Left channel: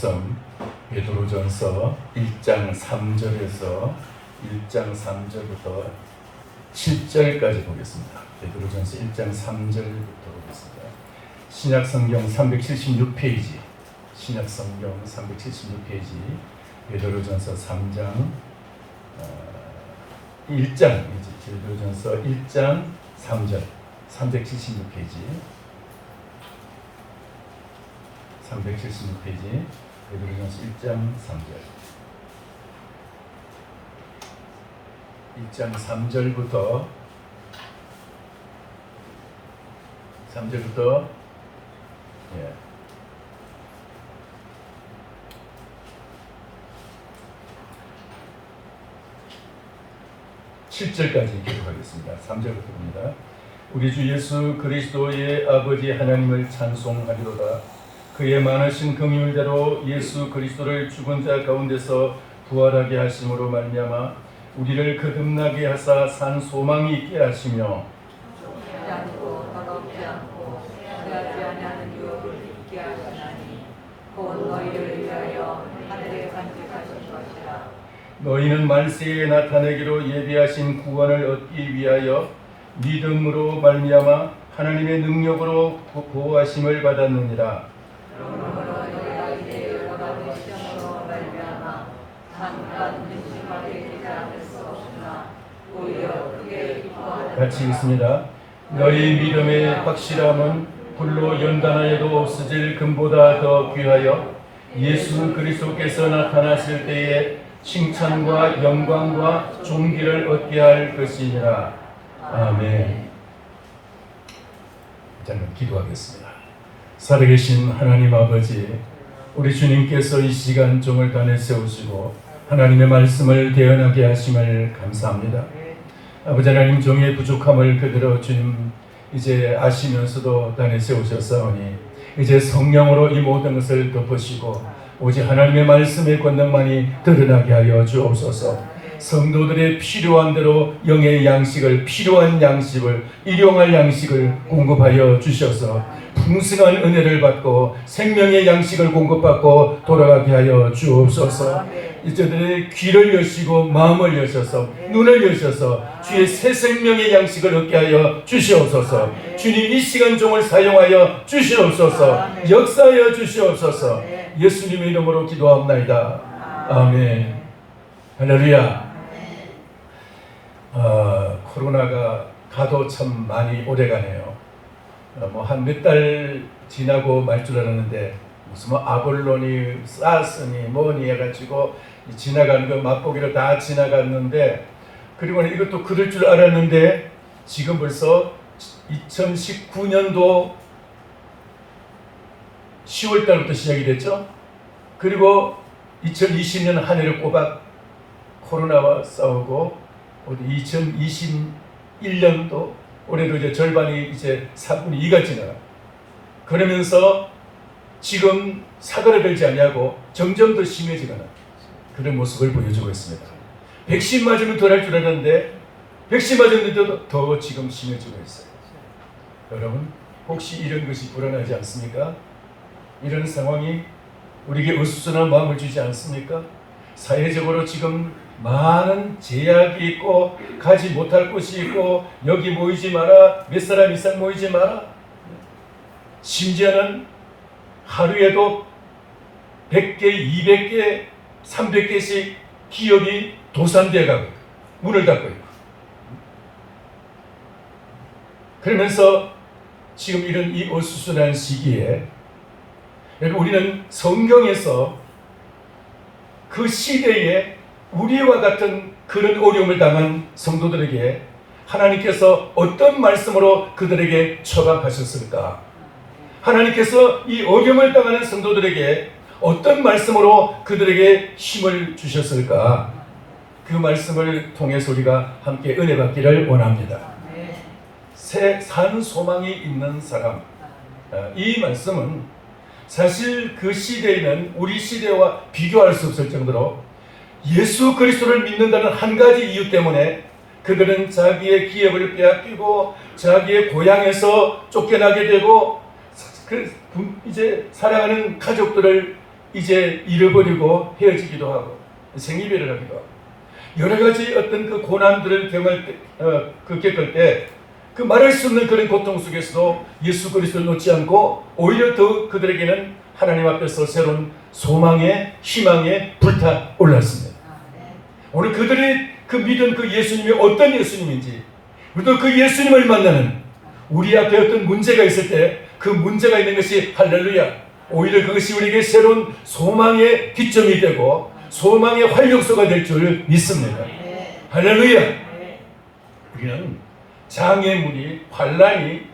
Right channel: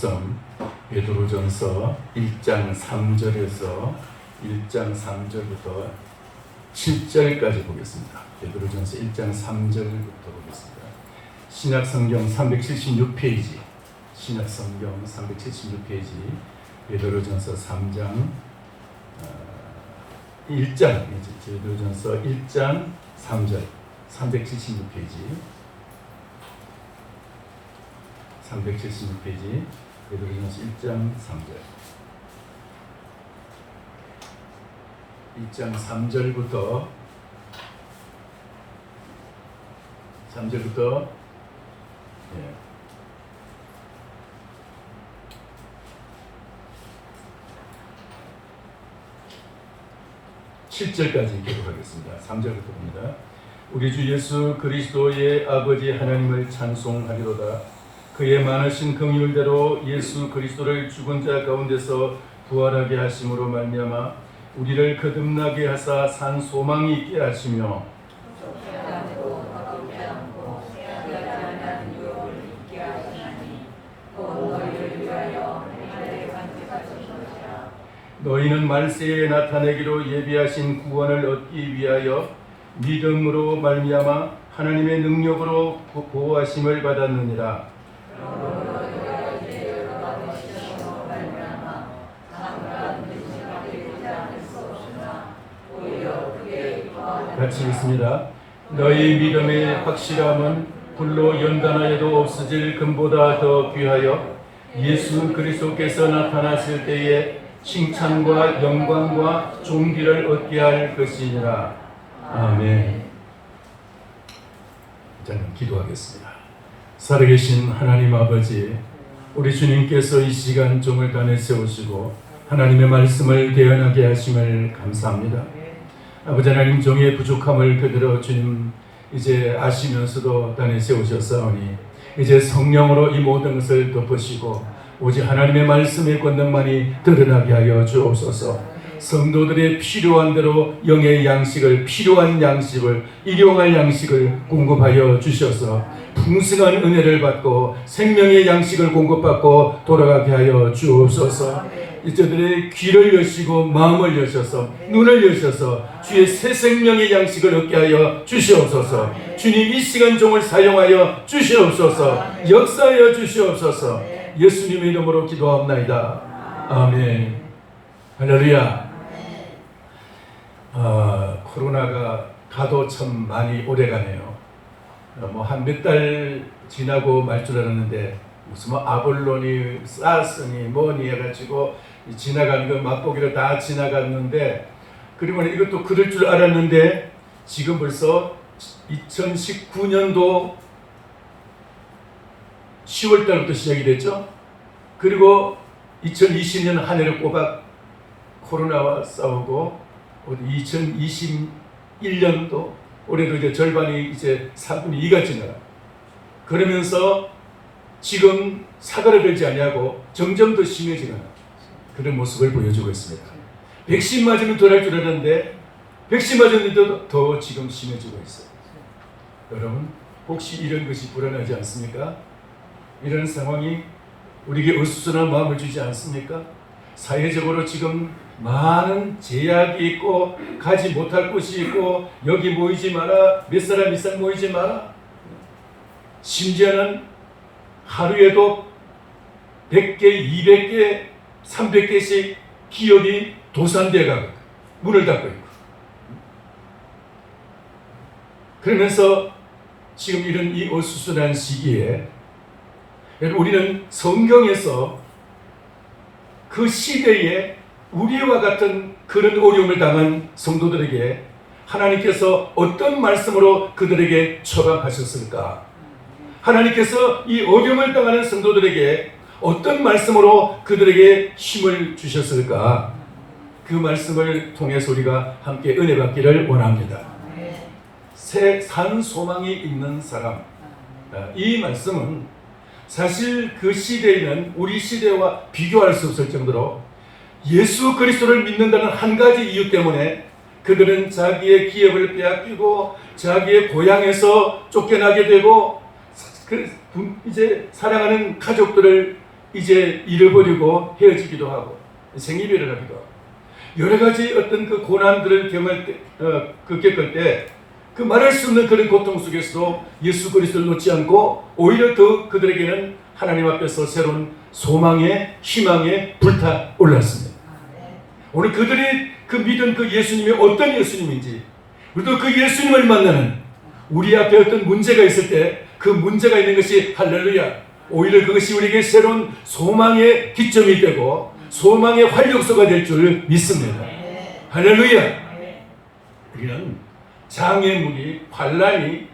말씀 베드로전서 1장 3절에서 1장 3절부터 7절까지 보겠습니다. 베드로전서 1장 3절부터 보겠습니다. 신약성경 376페이지, 신약성경 376페이지, 베드로전서 3장 1장, 베드로전서 1장 3절, 376페이지, 376페이지, 베드로전서 1장 3절, 1장 3절부터 7절까지 기록하겠습니다. 3절부터 봅니다. 우리 주 예수 그리스도의 아버지 하나님을 찬송하리로다. 그의 많으신 긍휼대로 예수 그리스도를 죽은 자 가운데서 부활하게 하심으로 말미암아 우리를 거듭나게 하사 산 소망이 있게 하시며 너희는 말세에 나타내기로 예비하신 구원을 얻기 위하여 믿음으로 말미암아 하나님의 능력으로 보호하심을 받았느니라. 같이 읽습니다. 너희 믿음의 확실함은 불로 연단하여도 없어질 금보다 더 귀하여 예수 그리스도께서 나타나실 때에 칭찬과 영광과 존귀를 얻게 할 것이니라. 아멘. 저는 기도하겠습니다. 살아계신 하나님 아버지, 우리 주님께서 이 시간 종을 간에 세우시고 하나님의 말씀을 대언하게 하심을 감사합니다. 아버지 하나님, 종의 부족함을 그대로 주님 이제 아시면서도 간에 세우셨사오니 이제 성령으로 이 모든 것을 덮으시고 오직 하나님의 말씀의 권능만이 드러나게 하여 주옵소서. 성도들의 필요한 대로 영의 양식을, 필요한 양식을, 일용할 양식을 공급하여 주셔서 풍성한 은혜를 받고 생명의 양식을 공급받고 돌아가게 하여 주옵소서. 이제들의 귀를 여시고 마음을 여셔서 눈을 여셔서 주의 새 생명의 양식을 얻게 하여 주시옵소서. 주님, 이 시간 종을 사용하여 주시옵소서. 역사하여 주시옵소서. 예수님의 이름으로 기도합나이다. 아멘. 할렐루야. 코로나가 가도 참 많이 오래가네요. 한 몇 달 지나고 말 줄 알았는데 무슨 아볼론이 사스니 뭐니 해가지고 지나가는 거 맛보기로 다 지나갔는데, 그리고 이것도 그럴 줄 알았는데 지금 벌써 2019년도 10월 달부터 시작이 됐죠. 그리고 2020년 한 해를 꼬박 코로나와 싸우고 2021년도 올해도 이제 절반이 이제 4분의 2가 지나가. 그러면서 지금 사그라들지 아니하고 점점 더 심해지는 그런 모습을 보여주고 있습니다. 백신 맞으면 덜할 줄 알았는데 백신 맞았는데도 더 지금 심해지고 있어요. 여러분, 혹시 이런 것이 불안하지 않습니까? 이런 상황이 우리에게 어수선한 마음을 주지 않습니까? 사회적으로 지금 많은 제약이 있고 가지 못할 곳이 있고 여기 모이지 마라, 몇 사람 이상 모이지 마라, 심지어는 하루에도 100개, 200개, 300개씩 기업이 도산되어가고 문을 닫고 있고, 그러면서 지금 이런 이 어수선한 시기에 우리는 성경에서 그 시대에 우리와 같은 그런 어려움을 당한 성도들에게 하나님께서 어떤 말씀으로 그들에게 처방하셨을까? 하나님께서 이 어려움을 당하는 성도들에게 어떤 말씀으로 그들에게 힘을 주셨을까? 그 말씀을 통해서 우리가 함께 은혜 받기를 원합니다. 새 산 소망이 있는 사람. 이 말씀은 사실 그 시대에는 우리 시대와 비교할 수 없을 정도로 예수 그리스도를 믿는다는 한 가지 이유 때문에 그들은 자기의 기업을 빼앗기고 자기의 고향에서 쫓겨나게 되고 이제 살아가는 가족들을 이제 잃어버리고 헤어지기도 하고 생이별을 하기도 하고 여러 가지 어떤 그 고난들을 겪을 때 그 말할 수 없는 그런 고통 속에서도 예수 그리스도를 놓지 않고 오히려 더 그들에게는 하나님 앞에서 새로운 소망의 희망에 불타 올랐습니다. 오늘 그들이 그 믿은 그 예수님이 어떤 예수님인지 그리고 그 예수님을 만나는 우리 앞에 어떤 문제가 있을 때 그 문제가 있는 것이 할렐루야 오히려 그것이 우리에게 새로운 소망의 기점이 되고 소망의 활력소가 될 줄 믿습니다. 할렐루야. 우리는 장애물이 환난이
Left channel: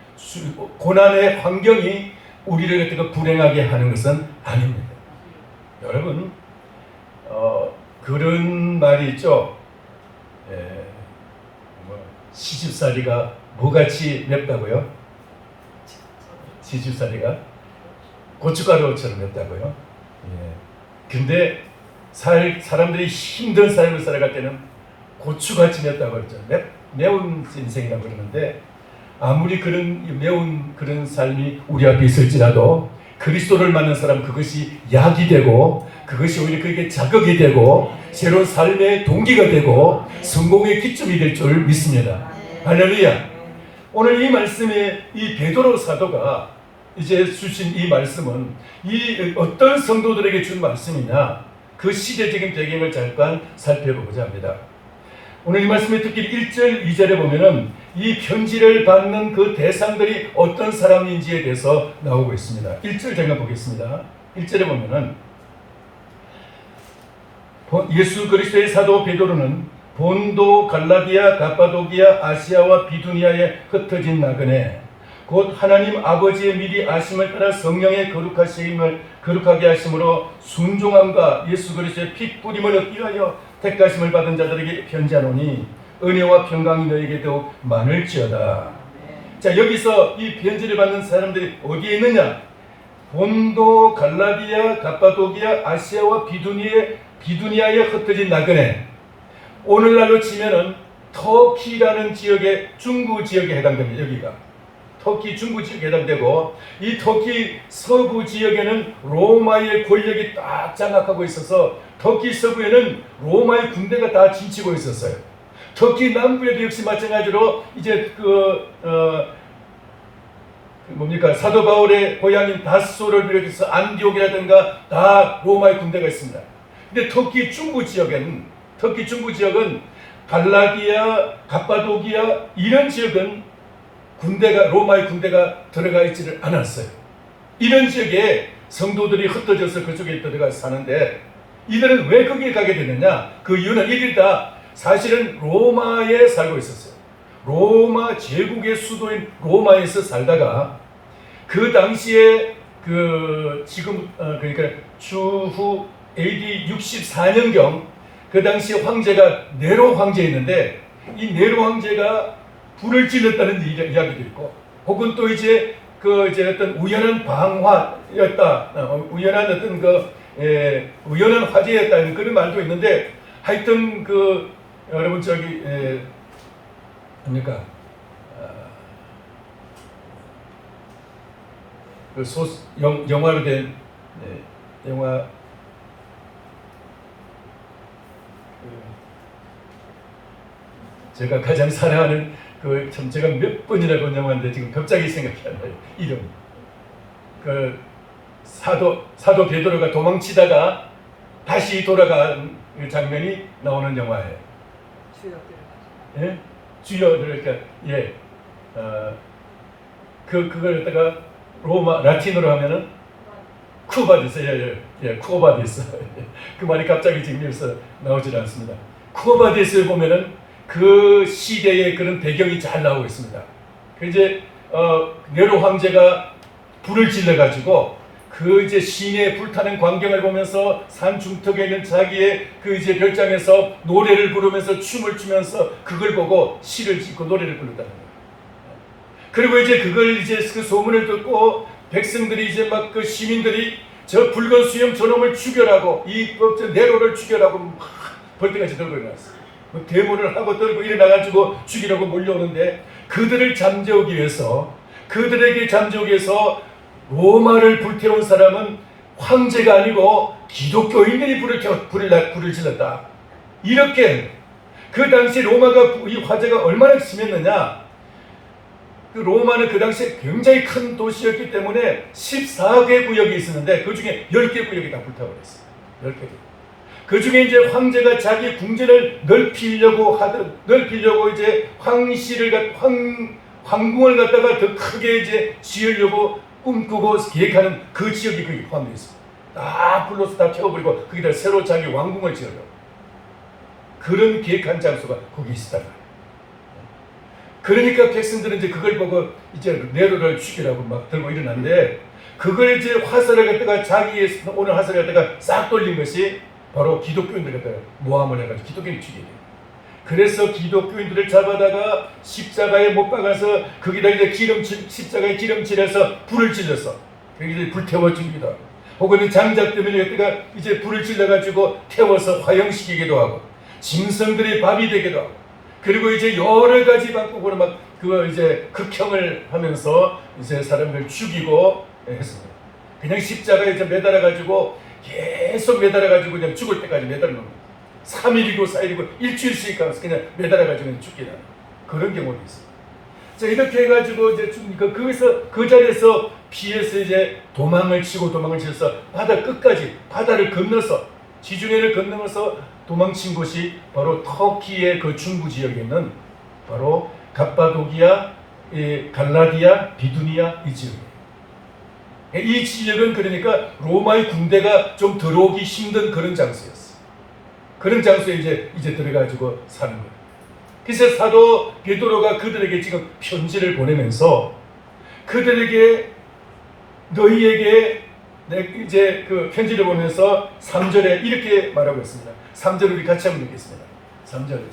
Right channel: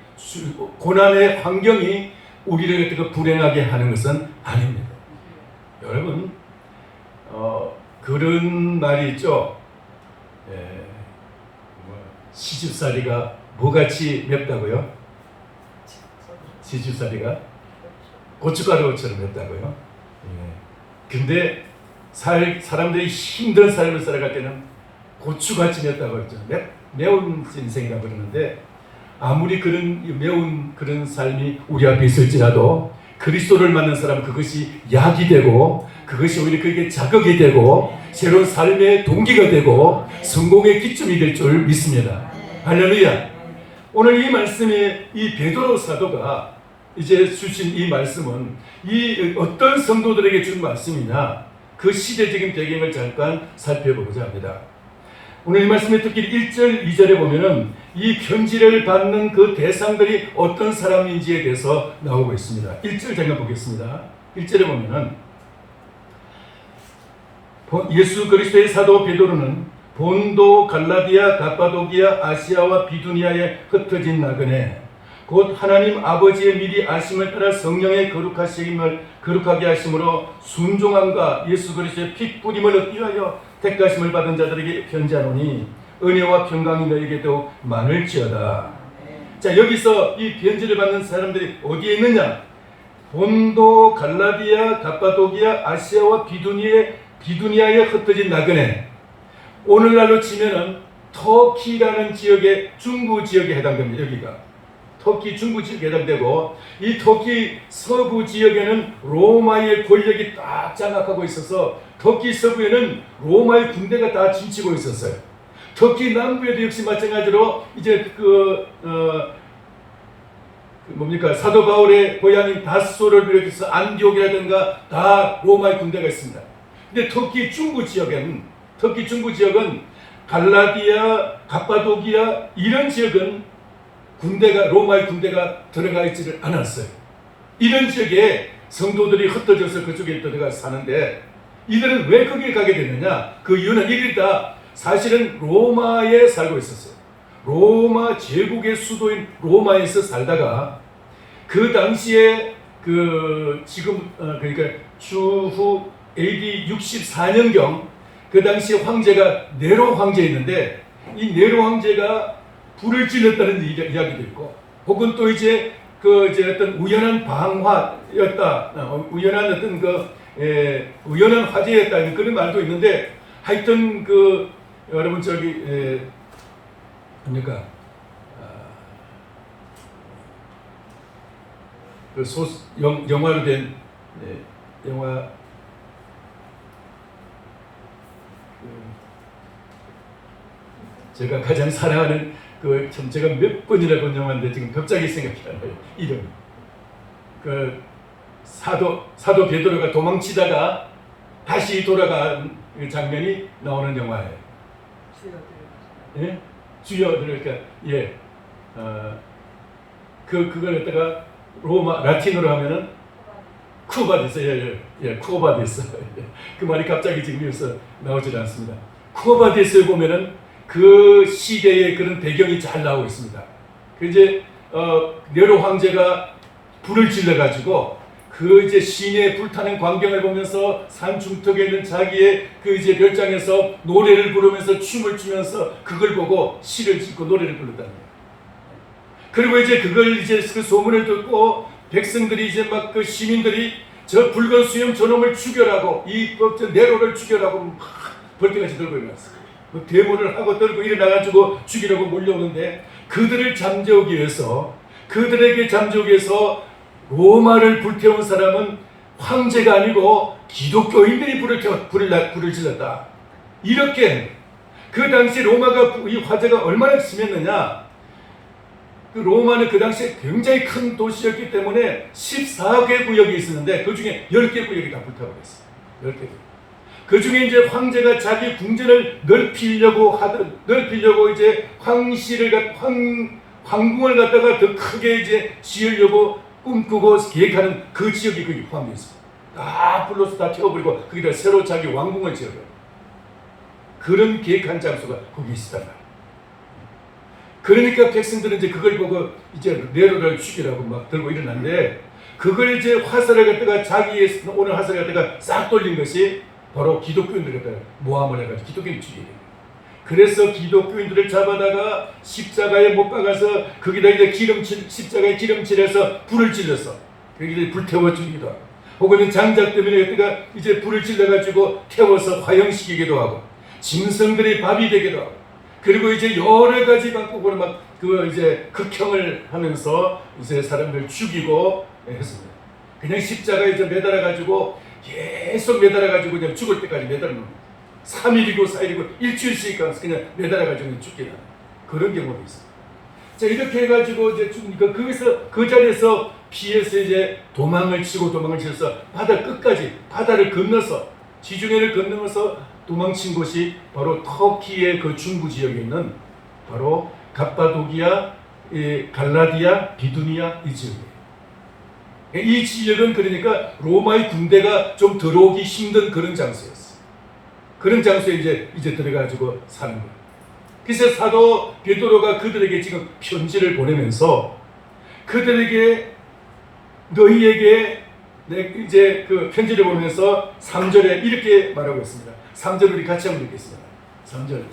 고난의 환경이 우리를 불행하게 하는 것은 아닙니다. 여러분 그런 말이 있죠. 시집살이가 뭐같이 맵다고요? 시집살이가 고춧가루처럼 맵다고요? 근데 사람들이 힘든 삶을 살아갈 때는 고추같이 맵다고 그러죠. 매운 인생이라고 그러는데 아무리 그런 매운 그런 삶이 우리 앞에 있을지라도 그리스도를 만난 사람 그것이 약이 되고 그것이 오히려 그게 자극이 되고 새로운 삶의 동기가 되고 성공의 기점이 될 줄 믿습니다. 할렐루야. 오늘 이 말씀에 이 베드로 사도가 이제 주신 이 말씀은 이 어떤 성도들에게 준 말씀이냐 그 시대적인 배경을 잠깐 살펴보고자 합니다. 오늘 이 말씀에 특히 1절, 2절에 보면은 이 편지를 받는 그 대상들이 어떤 사람인지에 대해서 나오고 있습니다. 1절 잠깐 보겠습니다. 1절에 보면은 예수 그리스도의 사도 베드로는 본도, 갈라디아, 갑바도기아, 아시아와 비두니아에 흩어진 나그네 곧 하나님 아버지의 미리 아심을 따라 성령의 거룩하게 하심으로 순종함과 예수 그리스도의 피 뿌림을 얻기 위하여 택하심을 받은 자들에게 편지하노니 은혜와 평강이 너에게 더욱 많을지어다. 자, 여기서 이 편지를 받는 사람들이 어디에 있느냐? 본도, 갈라디아, 갑바도기아, 아시아와 비두니아에 흩어진 나그네. 오늘날로 치면은 터키라는 지역의 중부 지역에 해당됩니다. 여기가 터키 중부 지역에 해당되고 이 터키 서부 지역에는 로마의 권력이 딱 장악하고 있어서 터키 서부에는 로마의 군대가 다 침치고 있었어요. 터키 남부에도 역시 마찬가지로 이제 사도 바울의 고향인 다소를 비롯해서 안디옥이라든가 다 로마의 군대가 있습니다. 근데 터키 중부 지역은 갈라디아, 갑바도기아 이런 지역은 로마의 군대가 들어가 있지를 않았어요. 이런 지역에 성도들이 흩어져서 그쪽에 들어가 사는데 이들은 왜 거기에 가게 되느냐? 그 이유는 이들다 사실은 로마에 살고 있었어요. 로마 제국의 수도인 로마에서 살다가 그 당시에 그러니까 추후 AD 64년경 그 당시 황제가 네로 황제였는데 이 네로 황제가 불을 질렀다는 이야기도 있고 혹은 또 이제 어떤 우연한 방화였다, 우연한 어떤 우연한 화재였다 그런 말도 있는데 하여튼 여러분 뭡니까 영화로 된 영화 제가 가장 사랑하는 제가 몇 번이나 본 영화인데 지금 갑자기 생각이 안 나요. 이름. 사도 베드로가 도망치다가 다시 돌아간 그 장면이 나오는 영화예요. 예? 주여 그러니까 그걸 갖다가 로마 라틴어로 하면은 쿠바디스 쿠바디스 그 말이 갑자기 지금 여기서 나오질 않습니다. 쿠바디스를 보면은 그 시대의 그런 배경이 잘 나오고 있습니다. 이제 네로 황제가 불을 질러가지고 그 이제 시내에 불타는 광경을 보면서 산 중턱에 있는 자기의 그 이제 별장에서 노래를 부르면서 춤을 추면서 그걸 보고 시를 짓고 노래를 부른다는 거예요. 그리고 이제 그걸 이제 그 소문을 듣고 백성들이 이제 막 그 시민들이 저 붉은 수염 저놈을 죽여라고 이 네로를 죽여라고 막 벌떼같이 들고 일어났어요. 대문을 하고 떨고 일어나가지고 죽이려고 몰려오는데 그들에게 잠재우기 위해서 로마를 불태운 사람은 황제가 아니고 기독교인들이 불을 질렀다. 이렇게 그 당시 로마가 이 화재가 얼마나 심했느냐. 그 로마는 그 당시에 굉장히 큰 도시였기 때문에 14개 구역이 있었는데 그 중에 10개 구역이 다 불타고 있어요. 10개 구역. 그 중에 이제 황제가 자기 궁전을 넓히려고 이제 황궁을 갖다가 더 크게 이제 지으려고 꿈꾸고 계획하는 그 지역이 그 포함되어 있습니다. 다 불러서 다 태워버리고 거기다 새로 자기 왕궁을 지으려고 그런 계획한 장소가 거기 있었다. 그러니까 백성들은 이제 그걸 보고 이제 네로를 죽이라고 막 들고 일어났는데 그걸 이제 화살을 갖다가 자기의 오늘 화살을 갖다가 싹 돌린 것이 바로 기독교인들을 갖다가 모함을 해가지고 기독교인을 죽이게 됩니다. 그래서 기독교인들을 잡아다가 십자가에 못 박아서 거기다 이제 십자가에 기름칠해서 불을 질러서 거기를 불태워 죽이기도 하고 혹은 장작 때문에 갖다가 이제 불을 질러가지고 태워서 화형시키기도 하고 짐승들의 밥이 되기도 하고 그리고 이제 여러 가지 방법으로 막 그거 이제 극형을 하면서 이제 사람을 죽이고 했습니다. 그냥 십자가에 이제 매달아가지고 계속 매달아가지고 그냥 죽을 때까지 매달아 놓는 3일이고 4일이고 일주일씩 가서 그냥 매달아가지고 죽게 하는 그런 경우도 있어요. 자, 이렇게 해가지고 이제 죽으니까 거기서 그 자리에서 피해서 이제 도망을 치면서 바다 끝까지 바다를 건너서 지중해를 건너면서 도망친 곳이 바로 터키의 그 중부 지역에 있는 바로 갑바도기아, 갈라디아, 비두니아 이 지역이에요. 이 지역은 그러니까 로마의 군대가 좀 들어오기 힘든 그런 장소였어요. 그런 장소에 이제 들어가지고 사는 거예요. 그래서 사도 베드로가 그들에게 지금 편지를 보내면서 그들에게 너희에게 이제 그 편지를 보면서 3절에 이렇게 말하고 있습니다. 3절 우리 같이 한번 읽겠습니다. 3절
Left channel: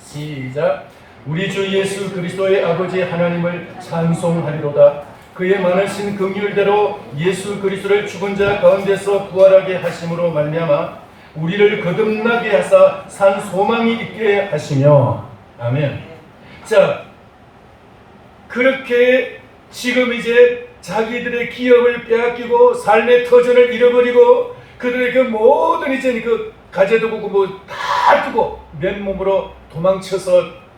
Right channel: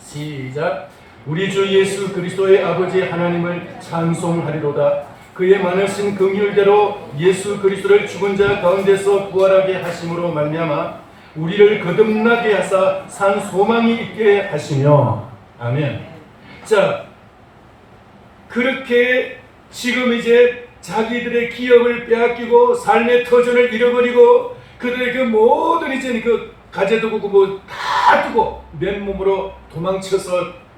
시작. 우리 주 예수 그리스도의 아버지 하나님을 찬송하리로다. 그의 많으신 긍휼대로 예수 그리스도를 죽은 자 가운데서 부활하게 하심으로 말미암아 우리를 거듭나게 하사 산 소망이 있게 하시며 아멘. 자, 그렇게 지금 이제 자기들의 기업을 빼앗기고 삶의 터전을 잃어버리고 그들의 그 모든 이제 그 가재도 뭐 다 두고 맨몸으로 도망쳐서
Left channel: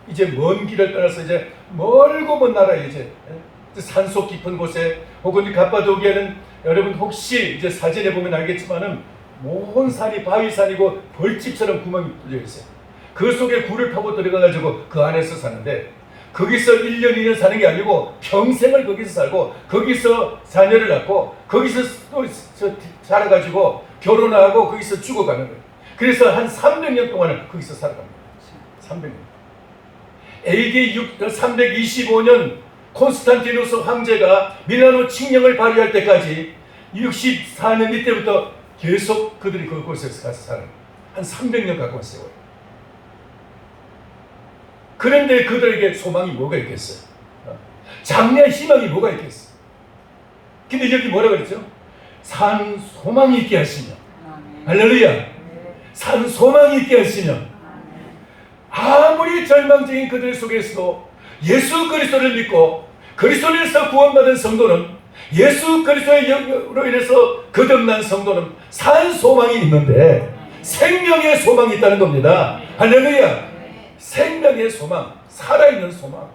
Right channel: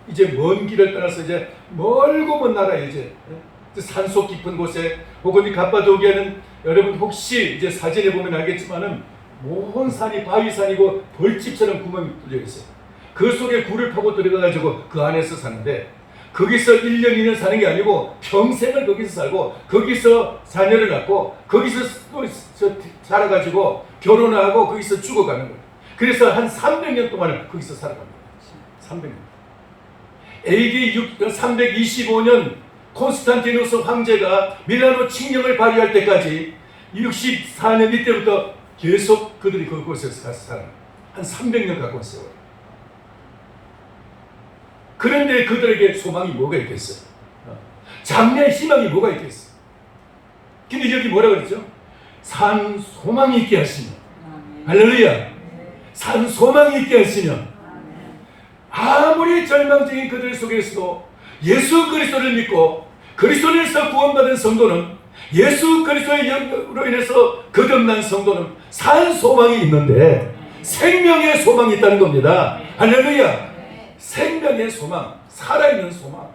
이제 먼 길을 떠나서 이제 멀고 먼 나라에 이제 산속 깊은 곳에 혹은 이 갑바도기아는 여러분 혹시 이제 사진에 보면 알겠지만은 모든 산이 바위산이고 벌집처럼 구멍이 뚫려 있어요. 그 속에 굴을 파고 들어가가지고 그 안에서 사는데 거기서 1년 2년 사는 게 아니고 평생을 거기서 살고 거기서 자녀를 낳고 거기서 또 자라가지고 결혼하고 거기서 죽어가는 거예요. 그래서 한 300년 동안을 거기서 살아갑니다. 300년. AD 325년 콘스탄티누스 황제가 밀라노 칙령을 발의할 때까지 64년 이때부터 계속 그들이 그곳에서 가서 살아요. 한 300년 갖고 왔어요. 그런데 그들에게 소망이 뭐가 있겠어요? 장래의 희망이 뭐가 있겠어요? 근데 여기 뭐라 그랬죠? 산 소망이 있게 하시며 할렐루야. 산 소망이 있게 하시며 아무리 절망적인 그들 속에서도 예수 그리스도를 믿고 그리스도에서 구원받은 성도는 예수 그리스도로 인해서 거듭난 성도는 산 소망이 있는데 생명의 소망이 있다는 겁니다. 할렐루야. 생명의 소망, 살아있는 소망.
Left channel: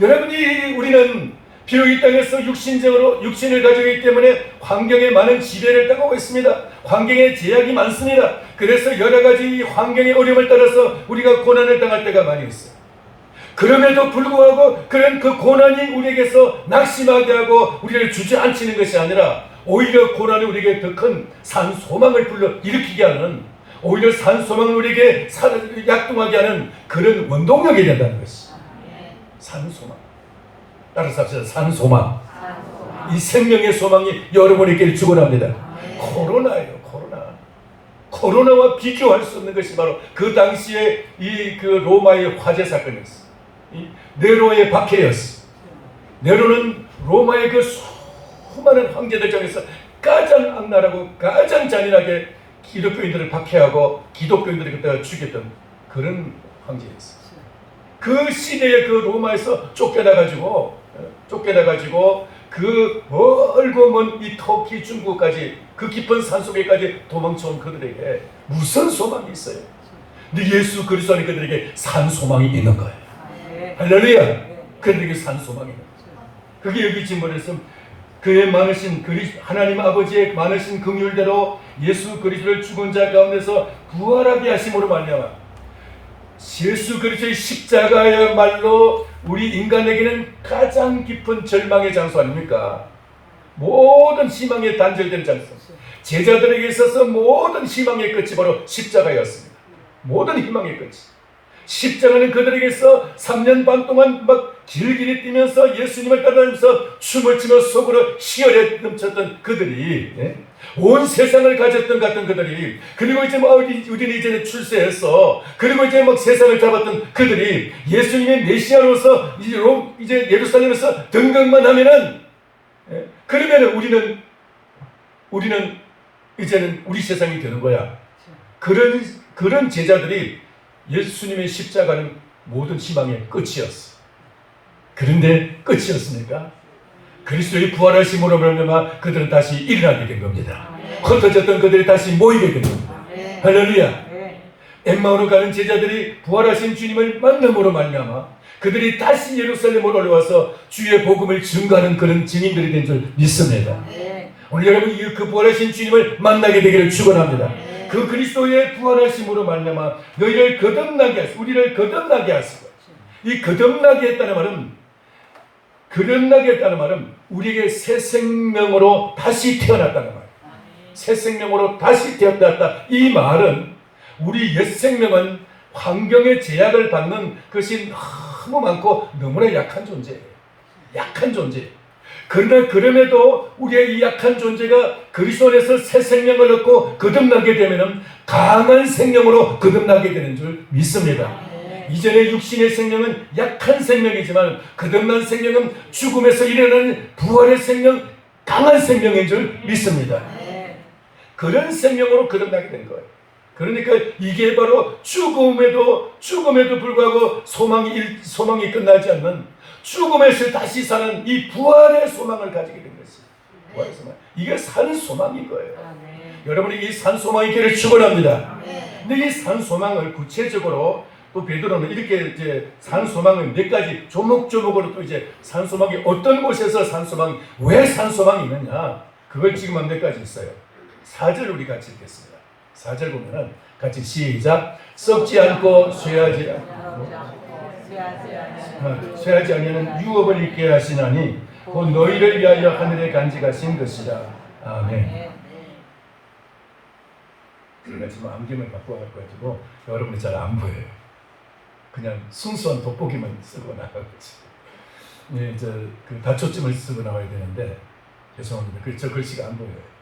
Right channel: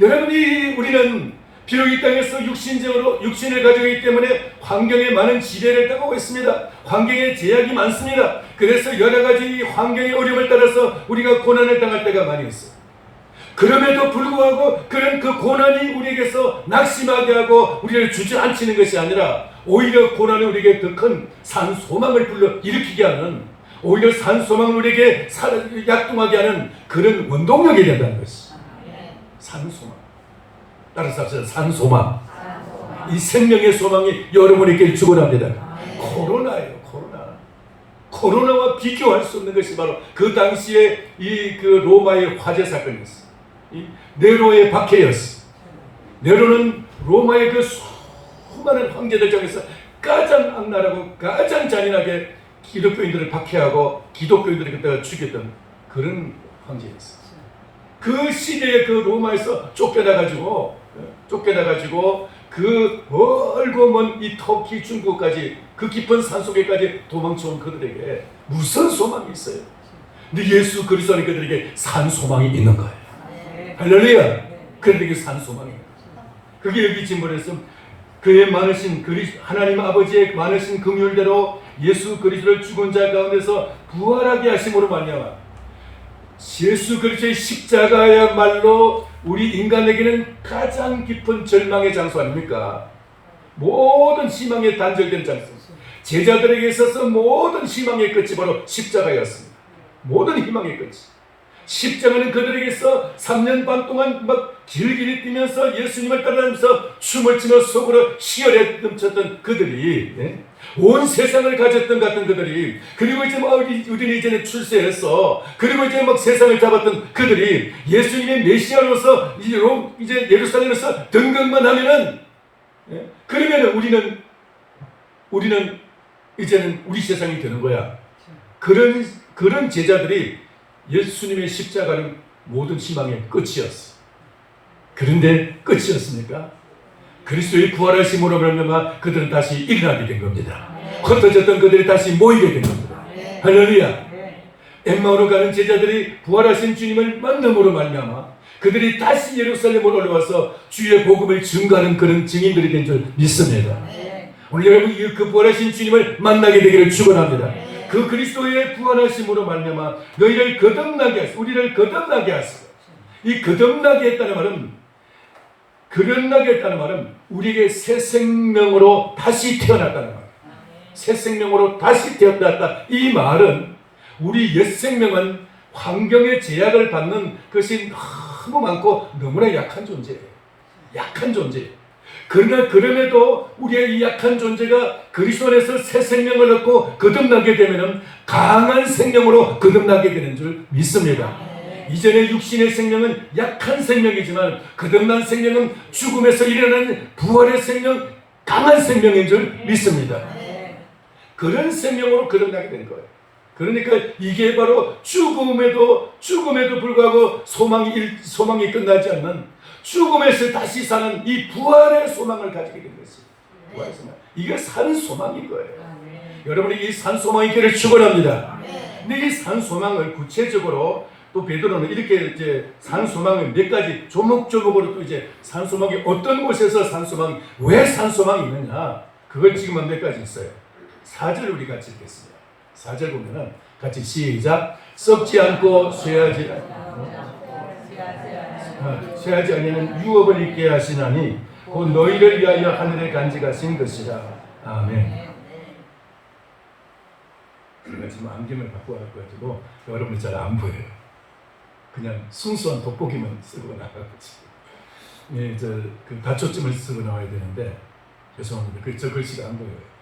여러분이 우리는 비록 이 땅에서 육신을 가지고 있기 때문에 환경에 많은 지배를 당하고 있습니다. 환경에 제약이 많습니다. 그래서 여러 가지 환경의 어려움을 따라서 우리가 고난을 당할 때가 많이 있어요. 그럼에도 불구하고 그런 그 고난이 우리에게서 낙심하게 하고 우리를 주저앉히는 것이 아니라 오히려 고난이 우리에게 더 큰 산 소망을 불러 일으키게 하는 오히려 산 소망을 우리에게 약동하게 하는 그런 원동력이 된다는 것이 산 소망. 따라서 합시다. 산 소망. 이 생명의 소망이 여러분에게 주고납니다. 코로나예요. 코로나와 비교할 수 없는 것이 바로 그 당시에 이 그 로마의 화재 사건이었어요. 이 네로의 박해였어요. 네로는 로마의 그 수많은 황제들 중에서 가장 악랄하고 가장 잔인하게 기독교인들을 박해하고 기독교인들을 그때 죽였던 그런 황제였어요. 그 시대에 그 로마에서 쫓겨나가지고 그 멀고 먼 이 터키, 중국까지 그 깊은 산속에까지 도망쳐온 그들에게 무슨 소망이 있어요? 근데 예수 그리스도 안에 그들에게 산 소망이 있는 거예요. 할렐루야. 그들에게 산 소망이 있는 거예요. 그게 여기 지금 말했으면 그의 많으신 하나님 아버지의 많으신 긍휼대로 예수 그리스도를 죽은 자 가운데서 부활하게 하심으로 말미암아 예수 그리스도의 십자가야말로 우리 인간에게는 가장 깊은 절망의 장소 아닙니까? 모든 희망의 단절된 장소. 제자들에게 있어서 모든 희망의 끝이 바로 십자가였습니다. 모든 희망의 끝이. 십자가는 그들에게서 3년 반 동안 막 길길이 뛰면서 예수님을 따라다니면서 춤을 추며 속으로 희열에 넘쳤던 그들이, 온 세상을 가졌던 같은 그들이, 그리고 이제 막 우리는 이제는 출세했어. 그리고 이제 막 세상을 잡았던 그들이 예수님의 메시아로서 이제 예루살렘에서 등극만 하면은, 그러면은 우리는 이제는 우리 세상이 되는 거야. 그런 제자들이 예수님의 십자가는 모든 희망의 끝이었어. 그런데 끝이었습니까? 그리스도의 부활하심으로 말미암아 그들은 다시 일어나게 된 겁니다. 흩어졌던 그들이 다시 모이게 된 겁니다. 할렐루야. 엠마오로 가는 제자들이 부활하신 주님을 만남으로 말미암아 그들이 다시 예루살렘으로 올라와서 주의 복음을 증거하는 그런 증인들이 된 줄 믿습니다. 오늘 여러분 그 부활하신 주님을 만나게 되기를 축원합니다. 그 그리스도의 부활하심으로 말미암아 너희를 거듭나게 하시고 우리를 거듭나게 하시고 이 거듭나게 했다는 말은 우리에게 새 생명으로 다시 태어났다는 말. 새 생명으로 다시 태어났다. 이 말은 우리 옛 생명은 환경의 제약을 받는 것이 너무 많고 너무나 약한 존재예요. 약한 존재예요. 그러나 그럼에도 우리의 이 약한 존재가 그리스도 안에서 새 생명을 얻고 거듭나게 되면 강한 생명으로 거듭나게 되는 줄 믿습니다. 이전의 육신의 생명은 약한 생명이지만 거듭난 생명은 죽음에서 일어나는 부활의 생명, 강한 생명인 줄 믿습니다. 그런 생명으로 거듭나게 된 거예요. 그러니까 이게 바로 죽음에도 불구하고 소망이 끝나지 않는 죽음에서 다시 사는 이 부활의 소망을 가지게 된 것입니다. 이게 산 소망인 거예요. 여러분이 이 산 소망이 있기를 축원합니다. 근데 이 산 소망을 구체적으로 또 베드로는 이렇게 이제 산 소망을 몇 가지 조목조목으로 또 이제 산 소망이 어떤 곳에서 왜 산 소망이 있느냐 그걸 지금 몇 가지 있어요. 4절 우리 같이 읽겠습니다. 4절 보면은 같이 시작. 썩지 않고 쇠하지 아니하는 유업을 있게 하시나니 곧 너희를 위하여 하늘에 간직하신 것이라. 아멘. 제가 지금 안경을 바꿔가지고 여러분이 잘 안 보여요. 그냥 순수한 돋보기만 쓰고 나와요. 예, 그 다초점을 쓰고 나와야 되는데 죄송합니다. 저 글씨가 안 보여요.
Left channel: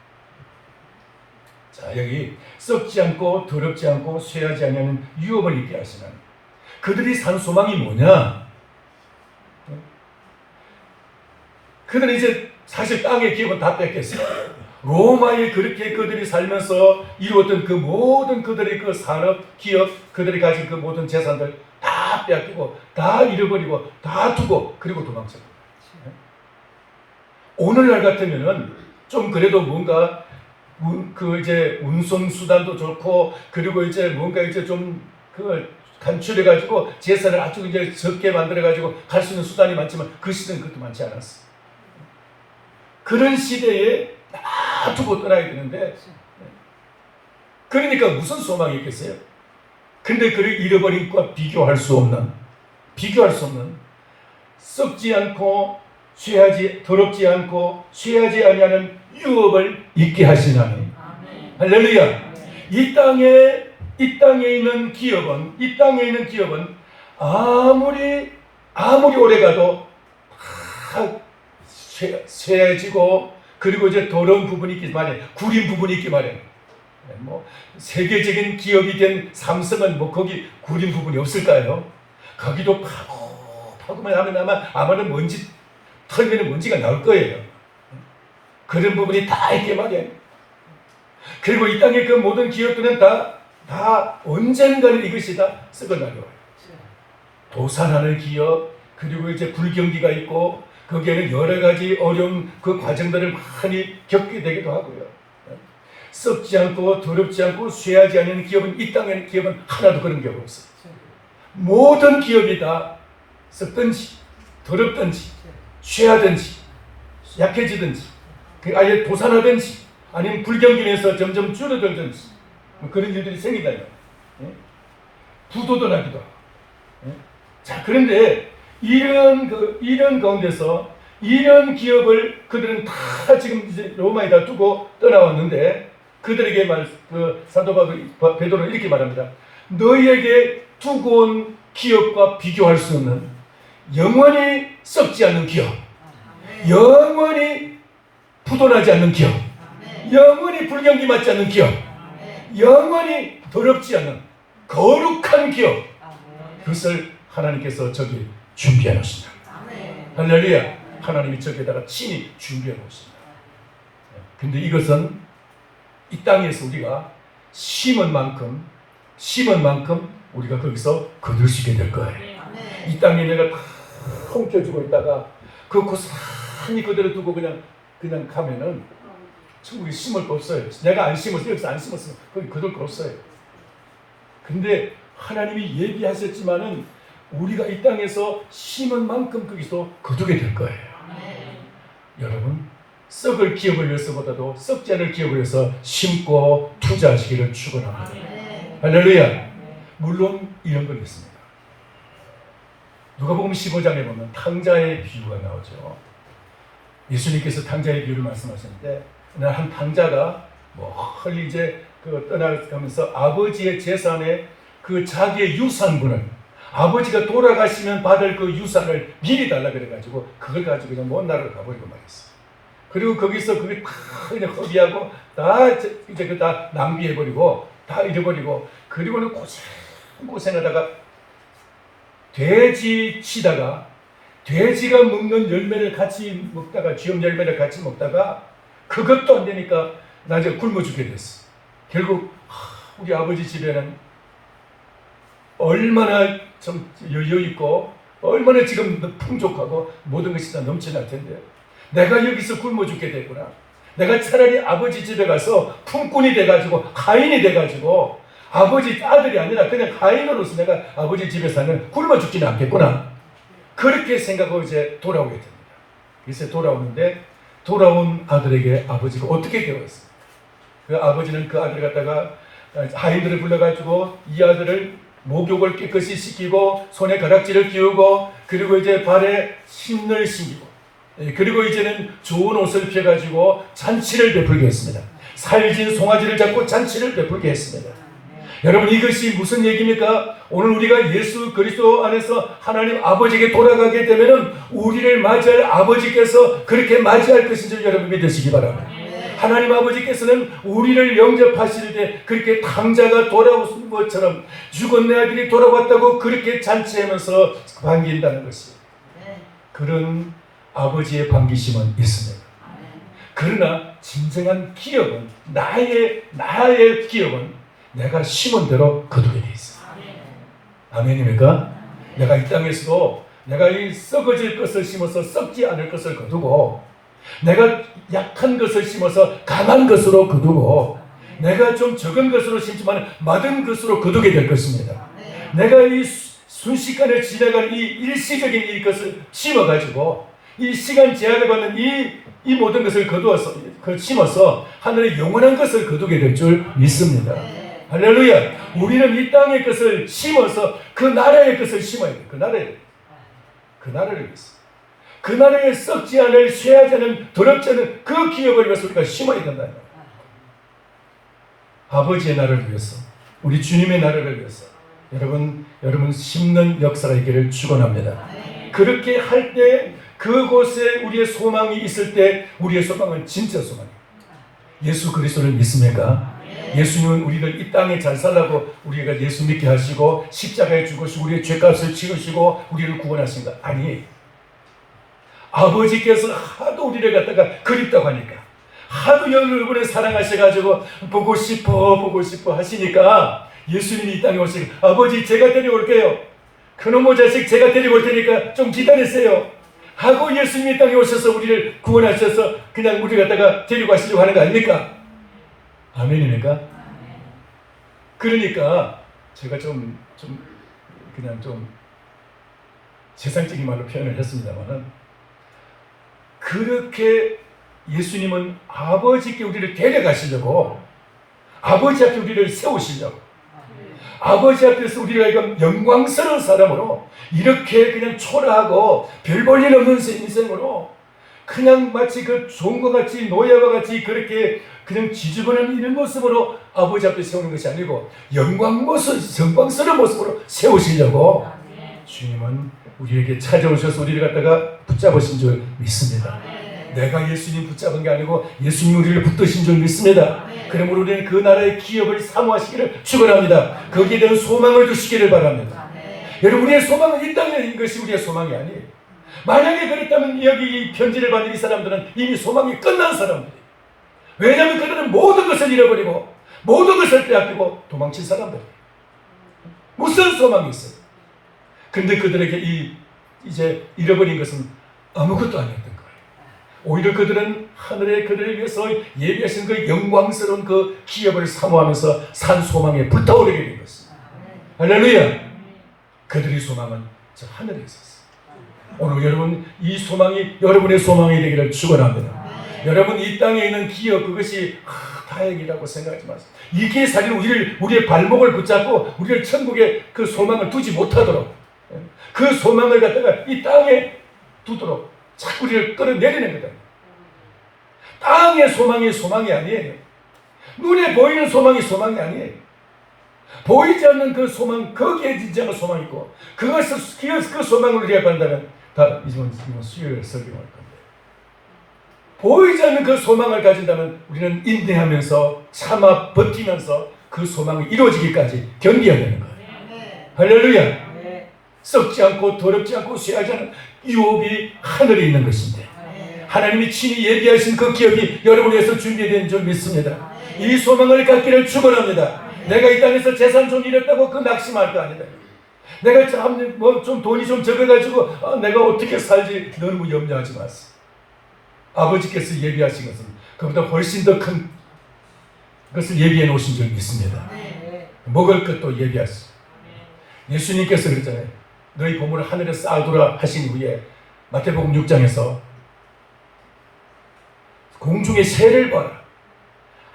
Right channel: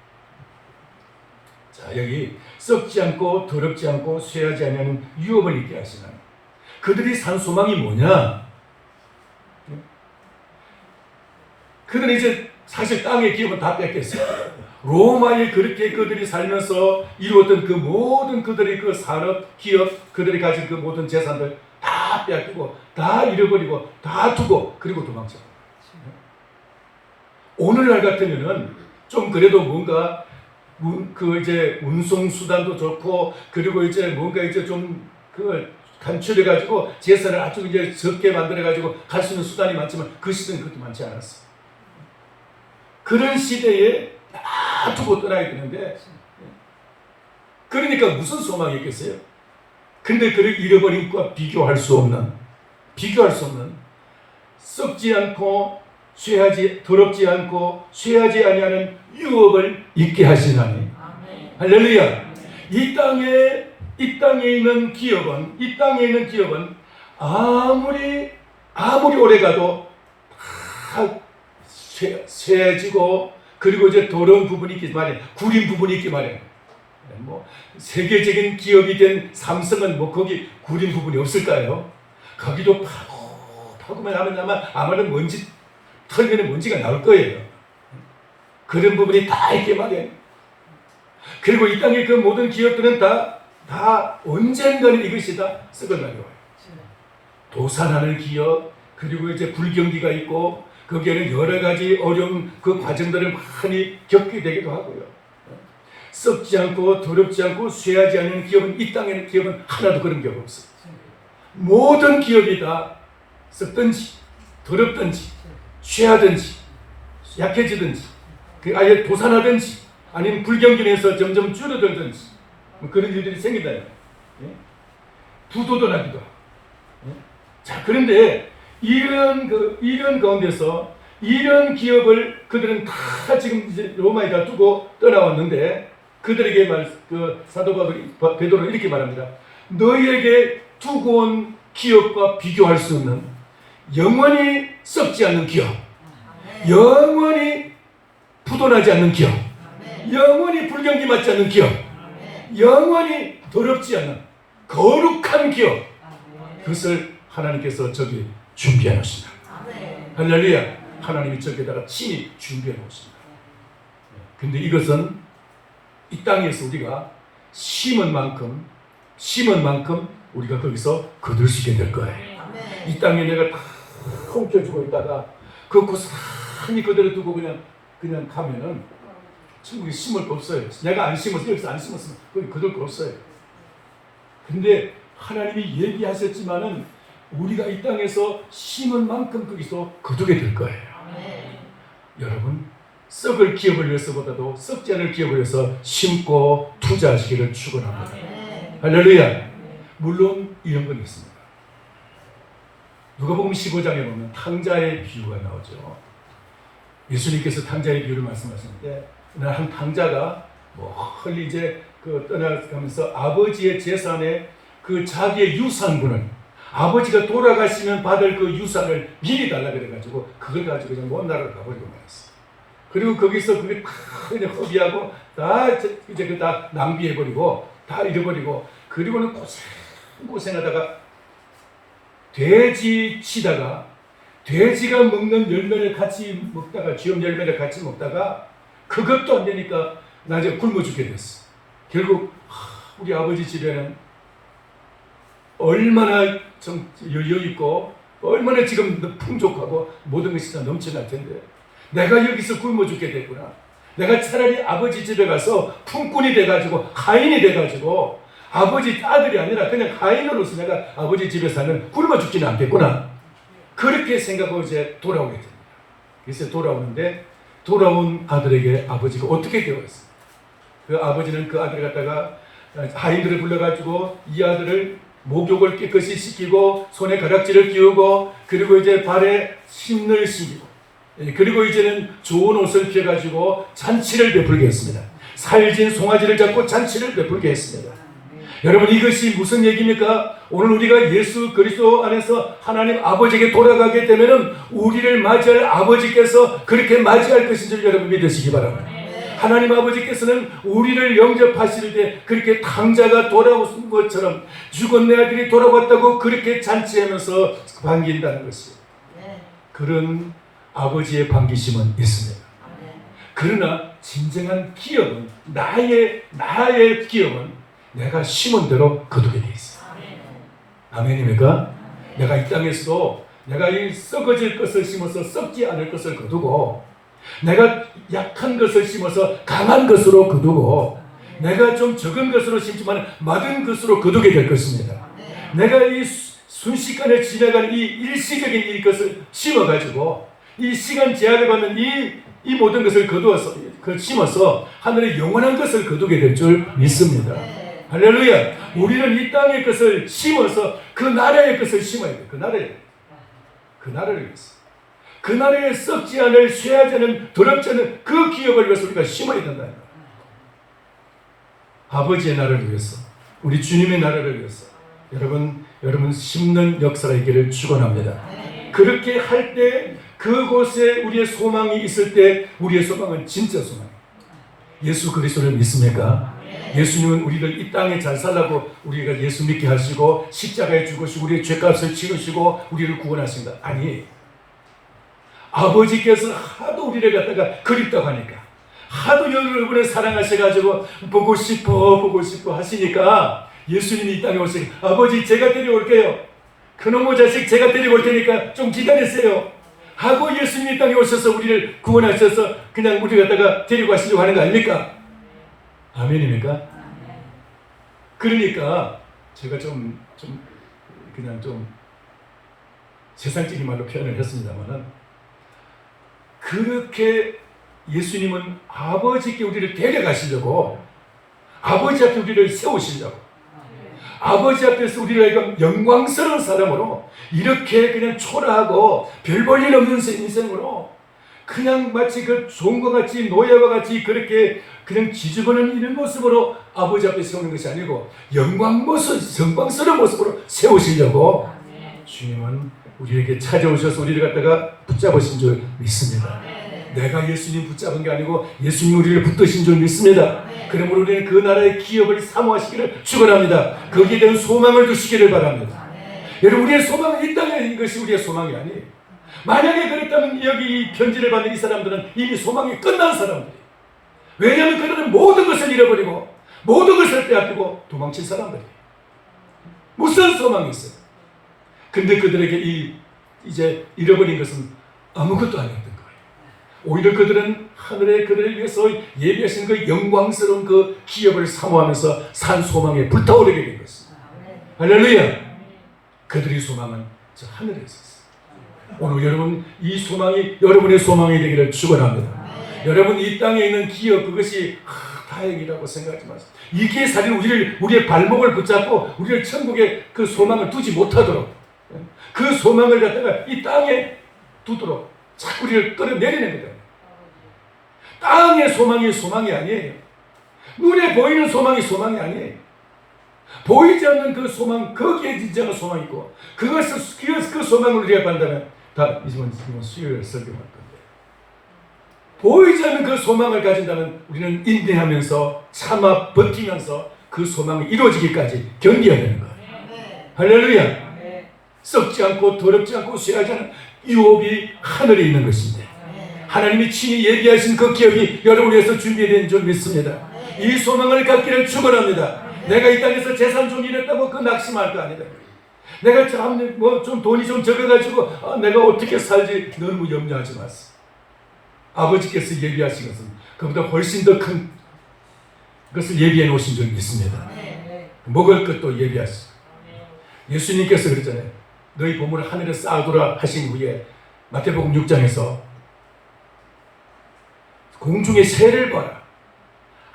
자, 여기 썩지 않고 더럽지 않고 쇠하지 않는 유업을 있게 하시나. 그들이 산 소망이 뭐냐? 그들이 이제 사실 땅의 기업은 다 뺏겼어요. 로마에 그렇게 그들이 살면서 이루었던 그 모든 그들의 그 산업, 기업, 그들이 가진 그 모든 재산들 다 뺏기고, 다 잃어버리고, 다 두고, 그리고 도망쳐요. 오늘날 같으면은 좀 그래도 뭔가 그 이제 운송 수단도 좋고, 그리고 이제 뭔가 이제 좀 그 간추려가지고 재산을 아주 이제 적게 만들어가지고 갈 수 있는 수단이 많지만 그 시대는 그렇게 많지 않았어. 그런 시대에 다 두고 떠나야 되는데, 그러니까 무슨 소망이 있겠어요? 근데 그를 잃어버린 것과 비교할 수 없는 썩지 않고 더럽지 않고 쇠하지 아니하는 유업을 있게 하시나니. 할렐루야. 이 땅에 있는 기업은 아무리 오래가도 다 쇠해지고, 그리고 이제 더러운 부분이 있기 마련, 구린 부분이 있기 마련. 뭐 세계적인 기업이 된 삼성은 뭐 거기 구린 부분이 없을까요? 가기도 파고만 하면 아마는 먼지 털면은 먼지가 나올 거예요. 그런 부분이 다 있게 마련. 그리고 이 땅의 그 모든 기업들은 다 언젠가는 이것이 다 썩어나요. 도산하는 기업, 그리고 이제 불경기가 있고, 거기에는 여러 가지 어려운 그 과정들을 많이 겪게 되기도 하고요. 썩지 않고 더럽지 않고 쇠하지 않는 기업은, 이 땅에는 기업은 하나도 그런 기업 없어요. 모든 기업이 다 썩든지 더럽든지 쇠하든지 약해지든지 아예 도산하든지 아니면 불경균에서 점점 줄어들든지 그런 일들이 생긴다. 부도도 나기도 하고. 자, 그런데 이런 가운데서 이런 기업을 그들은 다 지금 이제 로마에다 두고 떠나왔는데, 그들에게 사도 베드로는 이렇게 말합니다. 너희에게 두고 온 기업과 비교할 수 없는 영원히 썩지 않는 기업, 영원히 부도나지 않는 기업, 영원히 불경기 맞지 않는 기업, 영원히 더럽지 않은 거룩한 기업, 그것을 하나님께서 저기 준비해 놓으신다. 할렐루야. 하나님이 저기다가 친히 준비해 놓으신다. 근데 이것은 이 땅에서 우리가 심은 만큼 우리가 거기서 거둘 수 있게 될 거예요. 이 땅에 내가 다 훔쳐주고 있다가 그 고스란히 그대로 두고 그냥 가면은 천국에 심을 거 없어요. 내가 안 심었어, 여기서 안 심었으면 거기 거둘 거 없어요. 근데 하나님이 얘기하셨지만은 우리가 이 땅에서 심은 만큼 거기서 거두게 될 거예요. 여러분, 썩을 기업을 위해서보다도 썩지 않을 기업을 위해서 심고 투자하시기를 축원합니다. 할렐루야. 물론 이런 걸 있습니다. 누가복음 15장에 보면 탕자의 비유가 나오죠. 예수님께서 탕자의 비유를 말씀하셨는데, 한 탕자가 멀리 이제 떠나가면서 아버지의 재산에 자기의 유산분을, 아버지가 돌아가시면 받을 그 유산을 미리 달라 그래가지고 그걸 가지고 그냥 먼 나라로 가버리고 말았어. 그리고 거기서 그게 다 그냥 허비하고 이제 다 낭비해버리고 다 잃어버리고, 그리고는 고생하다가 돼지 치다가 돼지가 먹는 열매를 같이 먹다가, 쥐염 열매를 같이 먹다가 그것도 안 되니까 나중에 굶어 죽게 됐어. 결국 우리 아버지 집에는 얼마나 좀 여유있고 얼마나 지금 풍족하고 모든 것이 다 넘쳐날 텐데 내가 여기서 굶어 죽게 됐구나. 내가 차라리 아버지 집에 가서 품꾼이 돼가지고 하인이 돼가지고 아버지 아들이 아니라 그냥 하인으로서 내가 아버지 집에서는 굶어 죽지는 않겠구나. 그렇게 생각하고 이제 돌아오게 됩니다. 그래서 돌아오는데, 돌아온 아들에게 아버지가 어떻게 되었어요? 그 아버지는 그 아들을 갖다가 하인들을 불러가지고 이 아들을 목욕을 깨끗이 시키고 손에 가락지를 끼우고, 그리고 이제 발에 신을 신기고, 그리고 이제는 좋은 옷을 펴가지고 잔치를 베풀게 했습니다. 살진 송아지를 잡고 잔치를 베풀게 했습니다. 여러분, 이것이 무슨 얘기입니까? 오늘 우리가 예수 그리스도 안에서 하나님 아버지에게 돌아가게 되면은 우리를 맞이할 아버지께서 그렇게 맞이할 것인 줄 여러분 믿으시기 바랍니다. 하나님 아버지께서는 우리를 영접하실 때 그렇게 탕자가 돌아온 것처럼 죽은 내 아들이 돌아왔다고 그렇게 잔치하면서 반긴다는 것입니다. 그런 아버지의 반기심은 있습니다. 그러나 진정한 기업은, 나의 기업은 내가 심은 대로 거두게 돼 있어요. 아멘입니까? 내가 이 땅에서도 내가 이 썩어질 것을 심어서 썩지 않을 것을 거두고, 내가 약한 것을 심어서 강한 것으로 거두고, 내가 좀 적은 것으로 심지만 많은 것으로 거두게 될 것입니다. 내가 이 순식간에 지나가는 이 일시적인 이 것을 심어가지고 이 시간 제약을 받는 이 모든 것을 심어서 하늘의 영원한 것을 거두게 될 줄 믿습니다. 할렐루야. 우리는 이 땅의 것을 심어서 그 나라의 것을 심어야 돼. 그 나라를 위해서, 그 나라에 썩지 않을, 쇠하지 않은, 더럽지 않은 그 기업을 위해서 우리가 심어야 된다. 아버지의 나라를 위해서, 우리 주님의 나라를 위해서 여러분 심는 역사가 있기를 축원합니다. 그렇게 할 때, 그곳에 우리의 소망이 있을 때, 우리의 소망은 진짜 소망. 예수 그리스도를 믿습니까? 예수님은 우리를 이 땅에 잘 살라고 우리가 예수 믿게 하시고 십자가에 죽으시고 우리의 죄값을 치르시고 우리를 구원하신 것 아니, 아버지께서 하도 우리를 갖다가 그립다고 하니까, 하도 여러분을 사랑하셔가지고 보고 싶어 하시니까 예수님이 이 땅에 오시고, 아버지 제가 데려올게요. 그놈의 자식 제가 데리고 올 테니까 좀 기다리세요. 하고 예수님이 땅에 오셔서 우리를 구원하셔서 그냥 우리 갖다가 데리고 가시려고 하는 거 아닙니까? 아멘입니까? 그러니까 제가 그냥 좀 세상적인 말로 표현을 했습니다만, 그렇게 예수님은 아버지께 우리를 데려가시려고, 아버지 앞에 우리를 세우시려고, 아버지 앞에서 우리가 영광스러운 사람으로 이렇게 그냥 초라하고 별 볼 일 없는 인생으로 그냥 마치 그 종과 같이 노예와 같이 그렇게 그냥 지저분한 이런 모습으로 아버지 앞에 세우는 것이 아니고 영광스러운 모습으로 세우시려고 주님은 우리에게 찾아오셔서 우리를 갖다가 붙잡으신 줄 믿습니다. 내가 예수님 붙잡은 게 아니고 예수님 우리를 붙드신 줄 믿습니다. 그러므로 우리는 그 나라의 기업을 사모하시기를 축원합니다. 거기에 대한 소망을 두시기를 바랍니다. 여러분, 우리의 소망은 이 땅에 있는 것이 우리의 소망이 아니에요. 만약에 그렇다면 여기 이 편지를 받는 이 사람들은 이미 소망이 끝난 사람들이에요. 왜냐하면 그들은 모든 것을 잃어버리고 모든 것을 빼앗기고 도망친 사람들이에요. 무슨 소망이 있어요? 근데 그들에게 이제 잃어버린 것은 아무것도 아니었던 거예요. 오히려 그들은 하늘에 그들을 위해서 예비하신 그 영광스러운 그 기업을 사모하면서 산 소망에 불타오르게 된 것입니다. 할렐루야! 그들의 소망은 저 하늘에 있었어요. 오늘 여러분, 이 소망이 여러분의 소망이 되기를 축원합니다. 여러분, 이 땅에 있는 기업, 그것이 다행이라고 생각하지 마세요. 이게 사실 우리의 발목을 붙잡고 우리를 천국에 그 소망을 두지 못하도록, 그 소망을 갖다가 이 땅에 두도록 자꾸 우리를 끌어내리는 거다. 땅의 소망이 아니에요. 눈에 보이는 소망이 아니에요. 보이지 않는 그 소망, 거기에 진짜가 소망이 있고, 그 소망을 우리가 간다면 다 이제 수요일에 설교할 겁니다. 보이지 않는 그 소망을 가진다면 우리는 인내하면서 참아 버티면서 그 소망이 이루어지기까지 견뎌야 되는 거예요. 할렐루야! 썩지 않고 더럽지 않고 쇠하지 않은 유업이 하늘에 있는 것입니다. 하나님이 친히 예비하신 그 기업이 여러분을 위해서 준비된 줄 믿습니다. 이 소망을 갖기를 축원합니다. 내가 이 땅에서 재산 좀 잃었다고 그 낙심할 거 아니다. 내가 좀 돈이 좀 적어가지고 내가 어떻게 살지 너무 염려하지 마세요. 아버지께서 예비하신 것은 그보다 훨씬 더 큰 것을 예비해 놓으신 줄 믿습니다. 먹을 것도 예비하시고, 예수님께서 그랬잖아요. 너희 보물을 하늘에 쌓아두라 하신 후에 마태복음 6장에서 공중의 새를 봐라.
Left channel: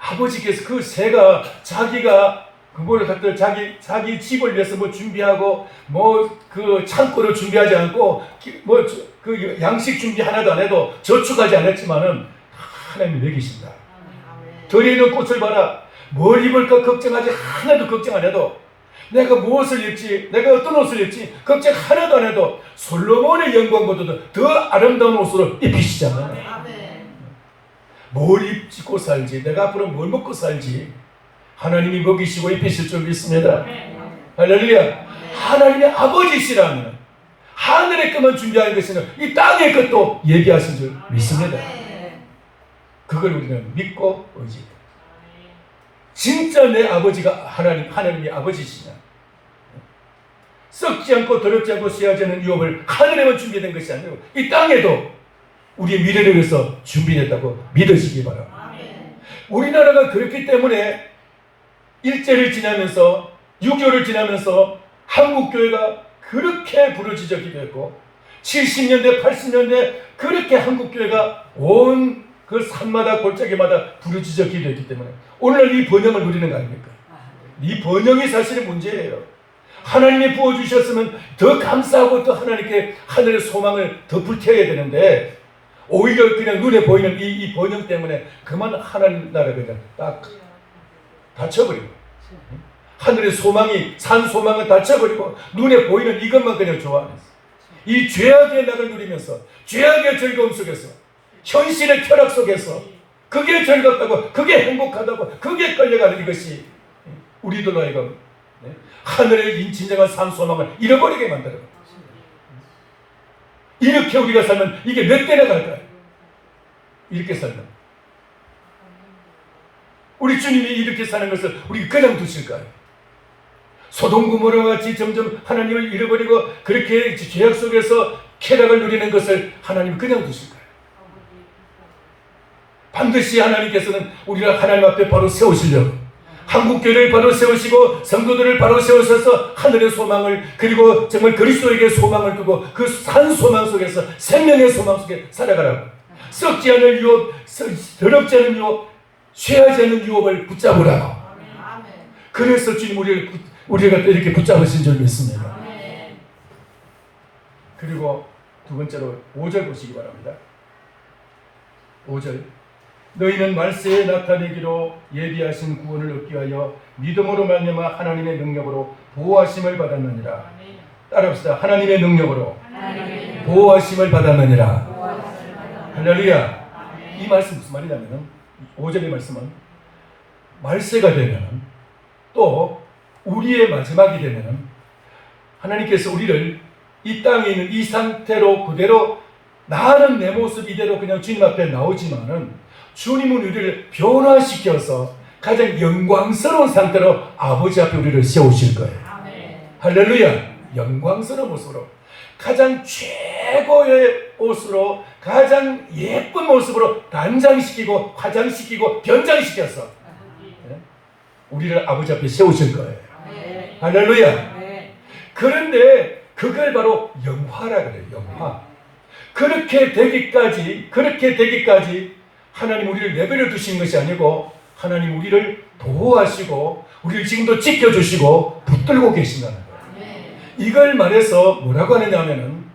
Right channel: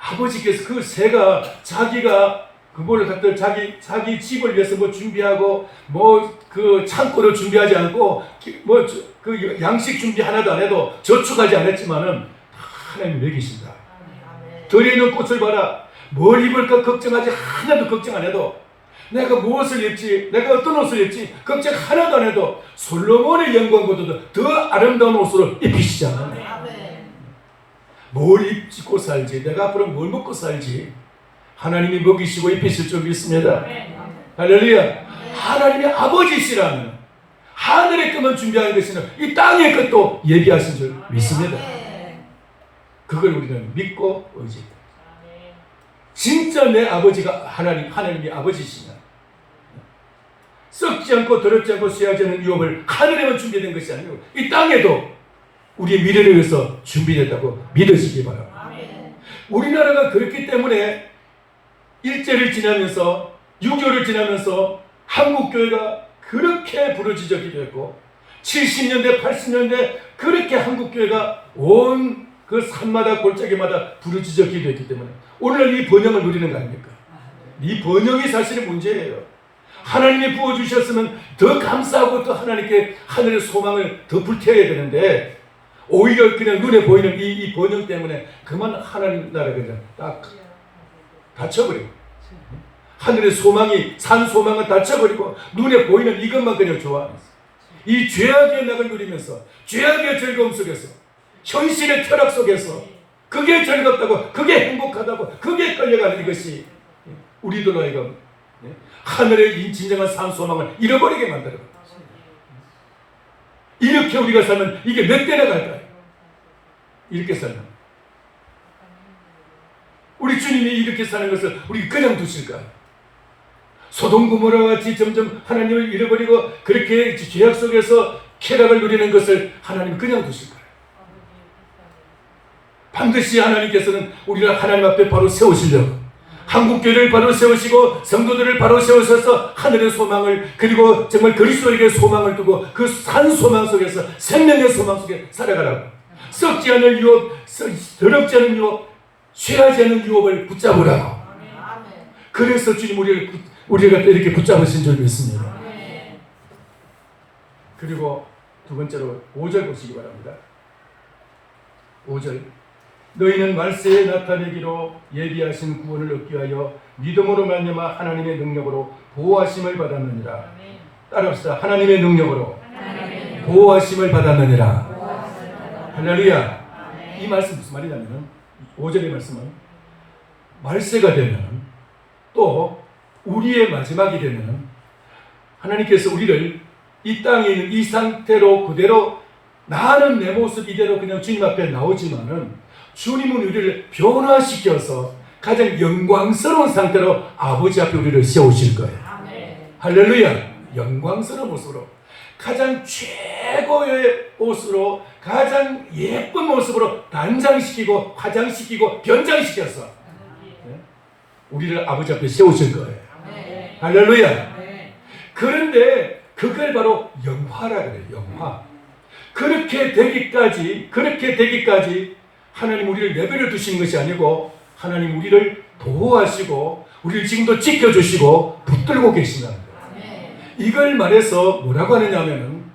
아버지께서 그 새가 자기가 그걸 갖다 자기 집을 위해서 뭐 준비하고 뭐 그 창고를 준비하지 않고 뭐 그 양식 준비 하나도 안 해도 저축하지 않았지만은 하나님 먹이신다. 들에 있는 꽃을 봐라. 뭘 입을까 걱정하지 하나도 걱정 안 해도, 내가 무엇을 입지, 내가 어떤 옷을 입지 걱정 하나도 안 해도 솔로몬의 영광보다도 더 아름다운 옷으로 입히시지 않았냐. 뭘 입고 살지, 내가 앞으로 뭘 먹고 살지 하나님이 먹이시고 입히실 줄 믿습니다. 할렐루야! 하나님의 아버지시라면 하늘의 것만 준비하는 것이 아니라 이 땅의 것도 예비하신 줄 믿습니다. 그걸 우리는 믿고 의지합니다. 진짜 내 아버지가 하나님이 아버지시냐, 썩지 않고 더럽지 않고 쇠하지 않는 유업을 하늘에만 준비된 것이 아니고 이 땅에도 우리의 미래를 위해서 준비됐다고 믿으시기 바랍니다. 우리나라가 그렇기 때문에 일제를 지나면서 6.25를 지나면서 한국교회가 그렇게 부르짖었기도 했고, 70년대 80년대 그렇게 한국교회가 온 그 산마다 골짜기마다 부르짖었기도 했기 때문에 오늘 이 번영을 누리는 거 아닙니까? 이 번영이 사실은 문제예요. 하나님이 부어주셨으면 더 감사하고 또 하나님께 하늘의 소망을 더 불태워야 되는데, 오히려 그냥 눈에 보이는 이 번영 때문에 그만 하나님 나라가 딱 닫혀버리고, 하늘의 소망이, 산 소망을 닫혀버리고 눈에 보이는 이것만 그냥 좋아하면서 이 죄악의 낙을 누리면서 죄악의 즐거움 속에서 현실의 쾌락 속에서 그게 즐겁다고, 그게 행복하다고, 그게 끌려가는 이것이 우리들로 하여금 하늘의 진정한 산 소망을 잃어버리게 만들어요. 이렇게 우리가 살면 이게 몇 대나 갈까요? 이렇게 살면 우리 주님이 이렇게 사는 것을 우리 그냥 두실까요? 소돔 고모라 같이 점점 하나님을 잃어버리고 그렇게 죄악 속에서 쾌락을 누리는 것을 하나님 그냥 두실 거예요. 반드시 하나님께서는 우리를 하나님 앞에 바로 세우시려고 한국교회를 바로 세우시고 성도들을 바로 세우셔서 하늘의 소망을 그리고 정말 그리스도에게 소망을 두고 그 산 소망 속에서 생명의 소망 속에 살아가라고 썩지 않을 유업, 더럽지 않은 유업, 쇠하지 않은 유업을 붙잡으라고. 그래서 주님 우리가 이렇게 붙잡으신 줄 믿습니다. 그리고 두 번째로 5절 보시기 바랍니다. 5절 너희는 말세에 나타내기로 예비하신 구원을 얻기 위하여 믿음으로 말미암아 하나님의 능력으로 보호하심을 받았느니라. 따라합시다. 하나님의 능력으로 보호하심을 받았느니라. 할렐루야. 이 말씀 무슨 말이냐면 5절의 말씀은 말세가 되면 또 우리의 마지막이 되면 하나님께서 우리를 이 땅에 있는 이 상태로 그대로 나는 내 모습 이대로 그냥 주님 앞에 나오지만은 주님은 우리를 변화시켜서 가장 영광스러운 상태로 아버지 앞에 우리를 세우실 거예요. 할렐루야. 영광스러운 모습으로 가장 최고의 옷으로 가장 예쁜 모습으로 단장시키고 화장시키고 변장시켜서 우리를 아버지 앞에 세우실 거예요. 할렐루야. 그런데 그걸 바로 영화라 그래요. 영화. 그렇게 되기까지 하나님 우리를 내버려 두시는 것이 아니고 하나님 우리를 보호하시고 우리를 지금도 지켜주시고 붙들고 계신다는 거예요. 이걸 말해서 뭐라고 하느냐 하면은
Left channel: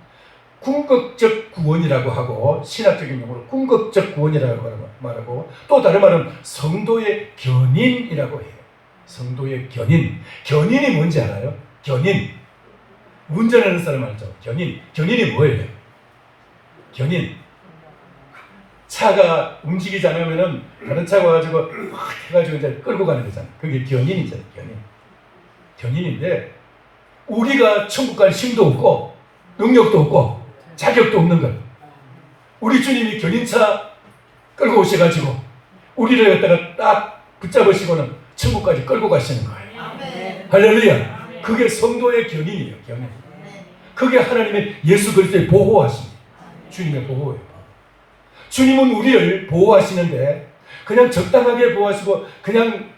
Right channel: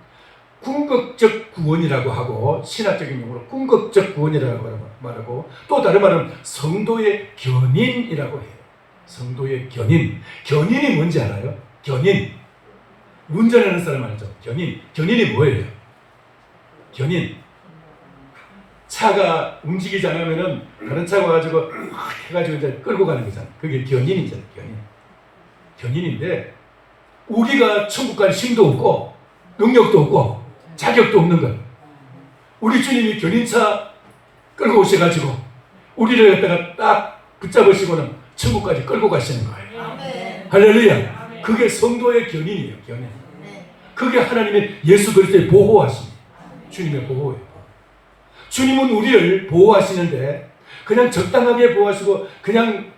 궁극적 구원이라고 하고 신학적인 용어로 궁극적 구원이라고 말하고 또 다른 말은 성도의 견인이라고 해요. 성도의 견인. 견인이 뭔지 알아요? 견인. 운전하는 사람 알죠? 견인. 견인이 뭐예요? 견인. 차가 움직이지 않으면은 다른 차가 와가지고 해가지고 이제 끌고 가는 거잖아요. 그게 견인이잖아요. 견인. 견인인데 우리가 천국 갈 힘도 없고 능력도 없고 자격도 없는 것. 우리 주님이 견인차 끌고 오셔가지고 우리를 갖다가 딱 붙잡으시고는 천국까지 끌고 가시는 거예요. 할렐루야. 그게 성도의 견인이에요. 견인. 그게 하나님의 예수 그리스도의 보호하십니다. 주님의 보호예요. 주님은 우리를 보호하시는데 그냥 적당하게 보호하시고 그냥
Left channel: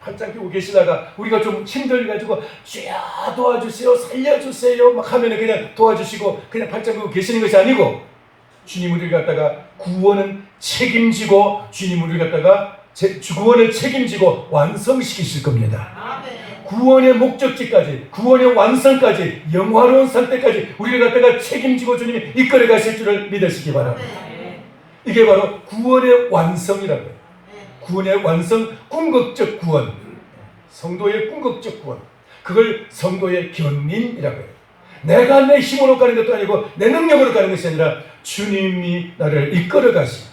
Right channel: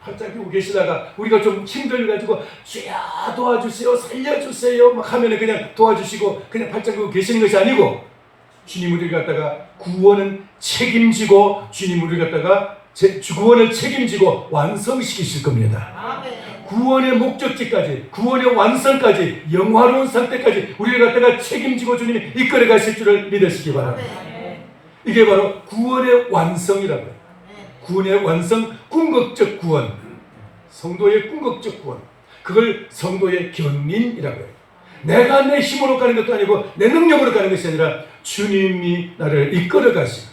바짝 끼고 계시다가 우리가 좀 힘들어가지고 주야 도와주세요 살려주세요 막 하면 그냥 도와주시고 그냥 바짝 끼고 계시는 것이 아니고 주님 우리를 갖다가 구원은 책임지고 주님 우리를 갖다가 구원을 책임지고 완성시키실 겁니다. 구원의 목적지까지 구원의 완성까지 영화로운 상태까지 우리를 갖다가 책임지고 주님이 이끌어 가실 줄을 믿으시기 바랍니다. 이게 바로 구원의 완성이라고 해요. 구원의 완성, 궁극적 구원. 성도의 궁극적 구원. 그걸 성도의 견인이라고 해요. 내가 내 힘으로 가는 것도 아니고 내 능력으로 가는 것이 아니라 주님이 나를 이끌어 가십니다.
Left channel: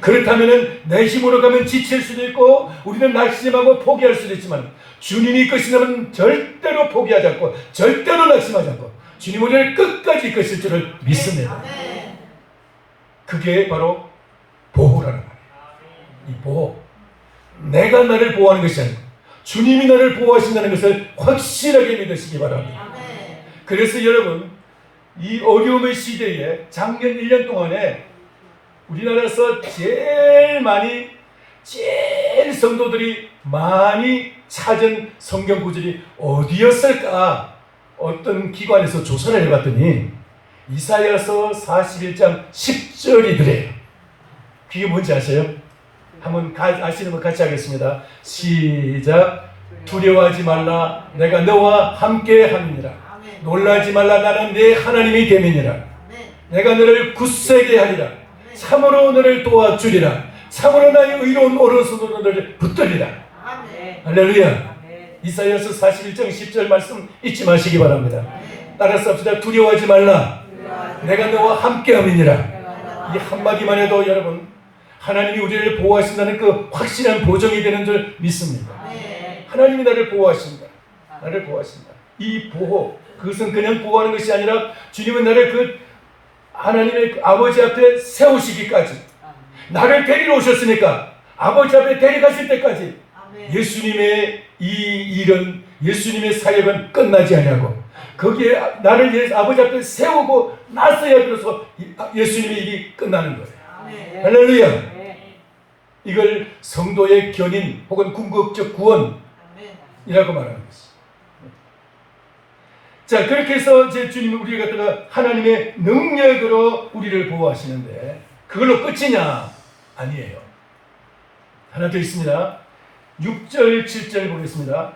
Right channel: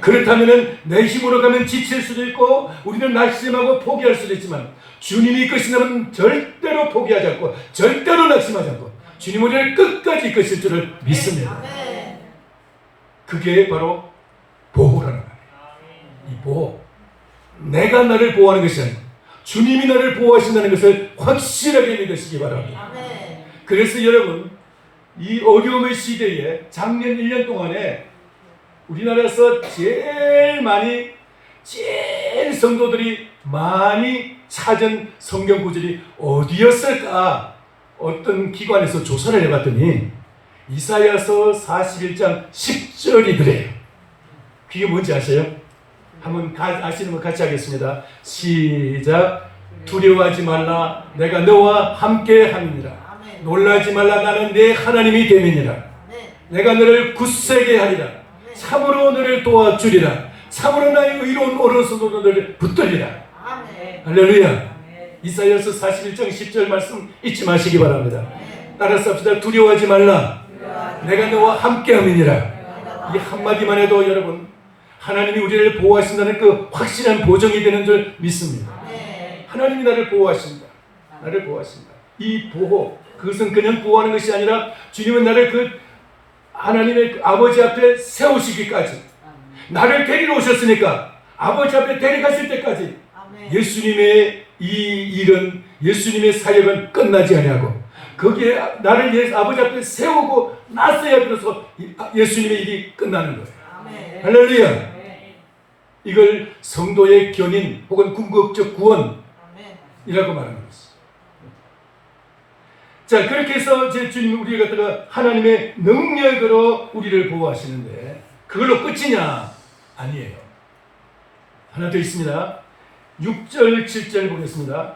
그렇다면 내 힘으로 가면 지칠 수도 있고 우리는 낙심하고 포기할 수도 있지만 주님이 이끄시면 절대로 포기하지 않고 절대로 낙심하지 않고 주님 우리를 끝까지 이끄실 줄을 믿습니다. 그게 바로 보호라는 거예요. 이 보호. 내가 나를 보호하는 것이 아니고 주님이 나를 보호하신다는 것을 확실하게 믿으시기 바랍니다. 그래서 여러분 이 어려움의 시대에 작년 1년 동안에 우리나라에서 제일 성도들이 많이 찾은 성경 구절이 어디였을까? 어떤 기관에서 조사를 해봤더니 이사야서 41장 10절이더래. 그게 뭔지 아세요? 한번 아시는 분 같이 하겠습니다. 시작. 두려워하지 말라. 내가 너와 함께 함이니라. 놀라지 말라. 나는 네 하나님이 됨이니라. 내가 너를 굳세게 하리라. 참으로 너를 도와주리라. 참으로 나의 의로운 오른손으로 너를 붙들리라. 할렐루야. 이사야서 41장 10절 말씀 잊지 마시기 바랍니다. 따라서 합시다. 두려워하지 말라. 내가 너와 함께함이니라. 이 한마디만 해도 여러분 하나님이 우리를 보호하신다는 그 확실한 보정이 되는 줄 믿습니다. 하나님이 나를 보호하신다. 나를 보호하신다. 이 보호, 그것은 그냥 보호하는 것이 아니라 주님은 나를 그 하나님의 아버지 앞에 세우시기까지 나를 데리러 오셨으니까 아버지 앞에 데려가실 때까지 예수님의 이 일은 예수님의 사역은 끝나지 아니하고 거기에 나를 위해서 아버지 앞에 세우고 나서야 비로소 예수님의 일이 끝나는 거예요. 할렐루야. 이걸 성도의 견인 혹은 궁극적 구원이라고 말하는 것이죠. 자, 그렇게 해서 제 주님 우리 갖다가 하나님의 능력으로 우리를 보호하시는데 그걸로 끝이냐? 아니에요. 하나 더 있습니다. 6절 7절 보겠습니다.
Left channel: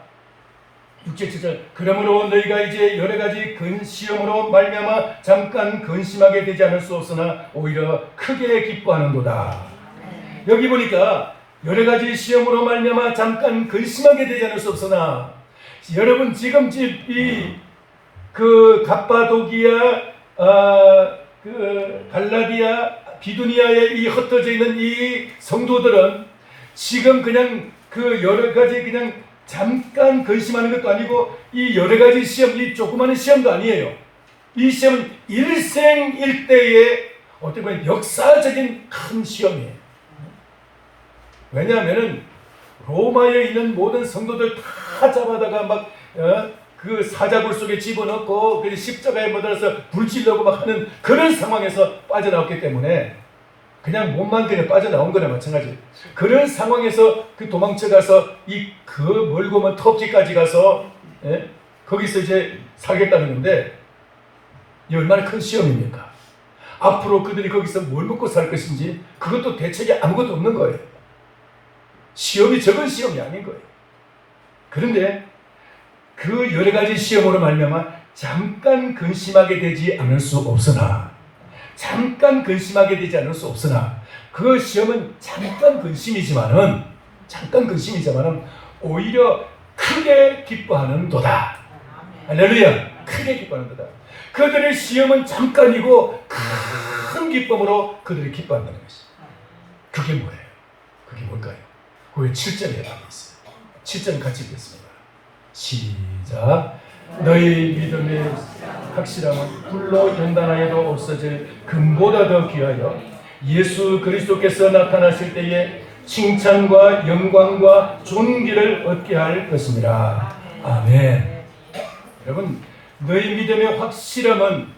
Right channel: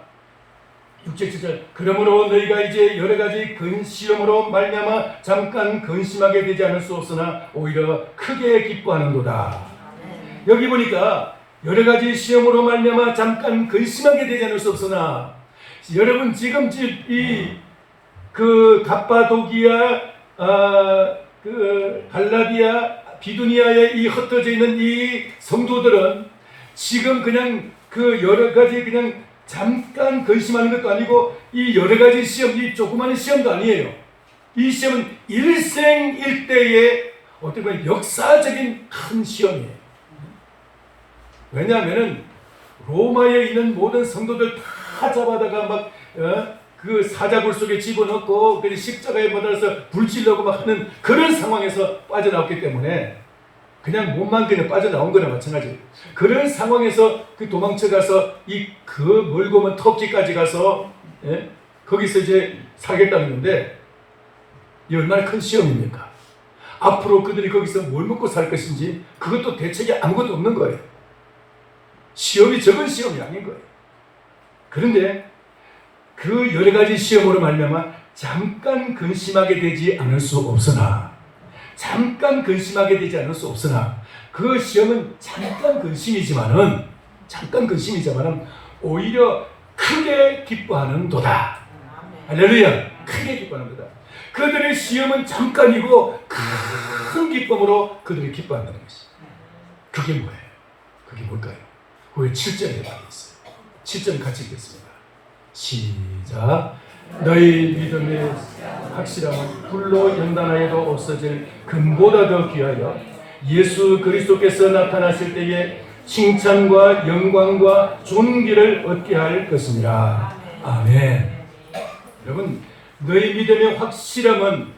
6절 7절 그러므로 너희가 이제 여러 가지 시험으로 말미암아 잠깐 근심하게 되지 않을 수 없으나 오히려 크게 기뻐하는도다. 여기 보니까 여러 가지 시험으로 말미암아 잠깐 근심하게 되지 않을 수 없으나 여러분 지금 그 갑바도기아, 그 갈라디아, 비두니아에 이 흩어져 있는 이 성도들은 지금 그냥 그 여러 가지 그냥 잠깐 근심하는 것도 아니고 이 여러 가지 시험, 이 조그마한 시험도 아니에요. 이 시험은 일생일대의 어떻게 보면 역사적인 큰 시험이에요. 왜냐하면은 로마에 있는 모든 성도들 다 잡아다가 막 그 사자굴 속에 집어넣고 그 십자가에 묻어서 불질러고 막 하는 그런 상황에서 빠져나왔기 때문에 그냥 몸만 그냥 빠져나온 거나 마찬가지. 그런 상황에서 그 도망쳐가서 그 멀고 먼 터키까지 가서 거기서 이제 살겠다는 건데 이 얼마나 큰 시험입니까? 앞으로 그들이 거기서 뭘 먹고 살 것인지 그것도 대책이 아무것도 없는 거예요. 시험이 적은 시험이 아닌 거예요. 그런데 그 여러 가지 시험으로 말미암아 잠깐 근심하게 되지 않을 수 없으나 그 시험은 잠깐 근심이지만은 오히려 크게 기뻐하는 도다. 할렐루야. 크게 기뻐하는 도다. 그들의 시험은 잠깐이고 큰 기쁨으로 그들이 기뻐한다는 것이. 그게 뭐예요? 그게 뭘까요? 그 7절에 나와 있어요. 7절 같이 읽겠습니다. 시작. 너희 믿음의 확실함은 불로 연단하여도 없어질 금보다 더 귀하여 예수 그리스도께서 나타나실 때에 칭찬과 영광과 존귀를 얻게 할 것입니다. 아멘. 여러분, 너희 믿음의 확실함은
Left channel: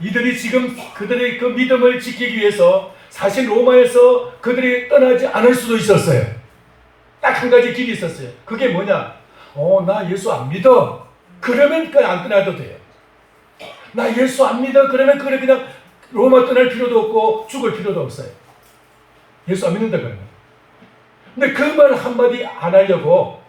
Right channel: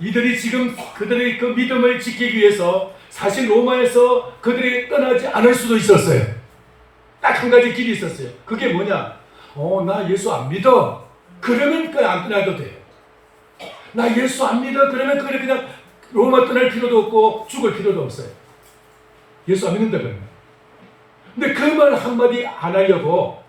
이들이 지금 그들의 그 믿음을 지키기 위해서 사실 로마에서 그들이 떠나지 않을 수도 있었어요. 딱 한 가지 길이 있었어요. 그게 뭐냐? 나 예수 안 믿어. 그러면 그냥 안 떠나도 돼요. 나 예수 안 믿어. 그러면 그냥 로마 떠날 필요도 없고 죽을 필요도 없어요. 예수 안 믿는다 그러면. 근데 그 말 한마디 안 하려고,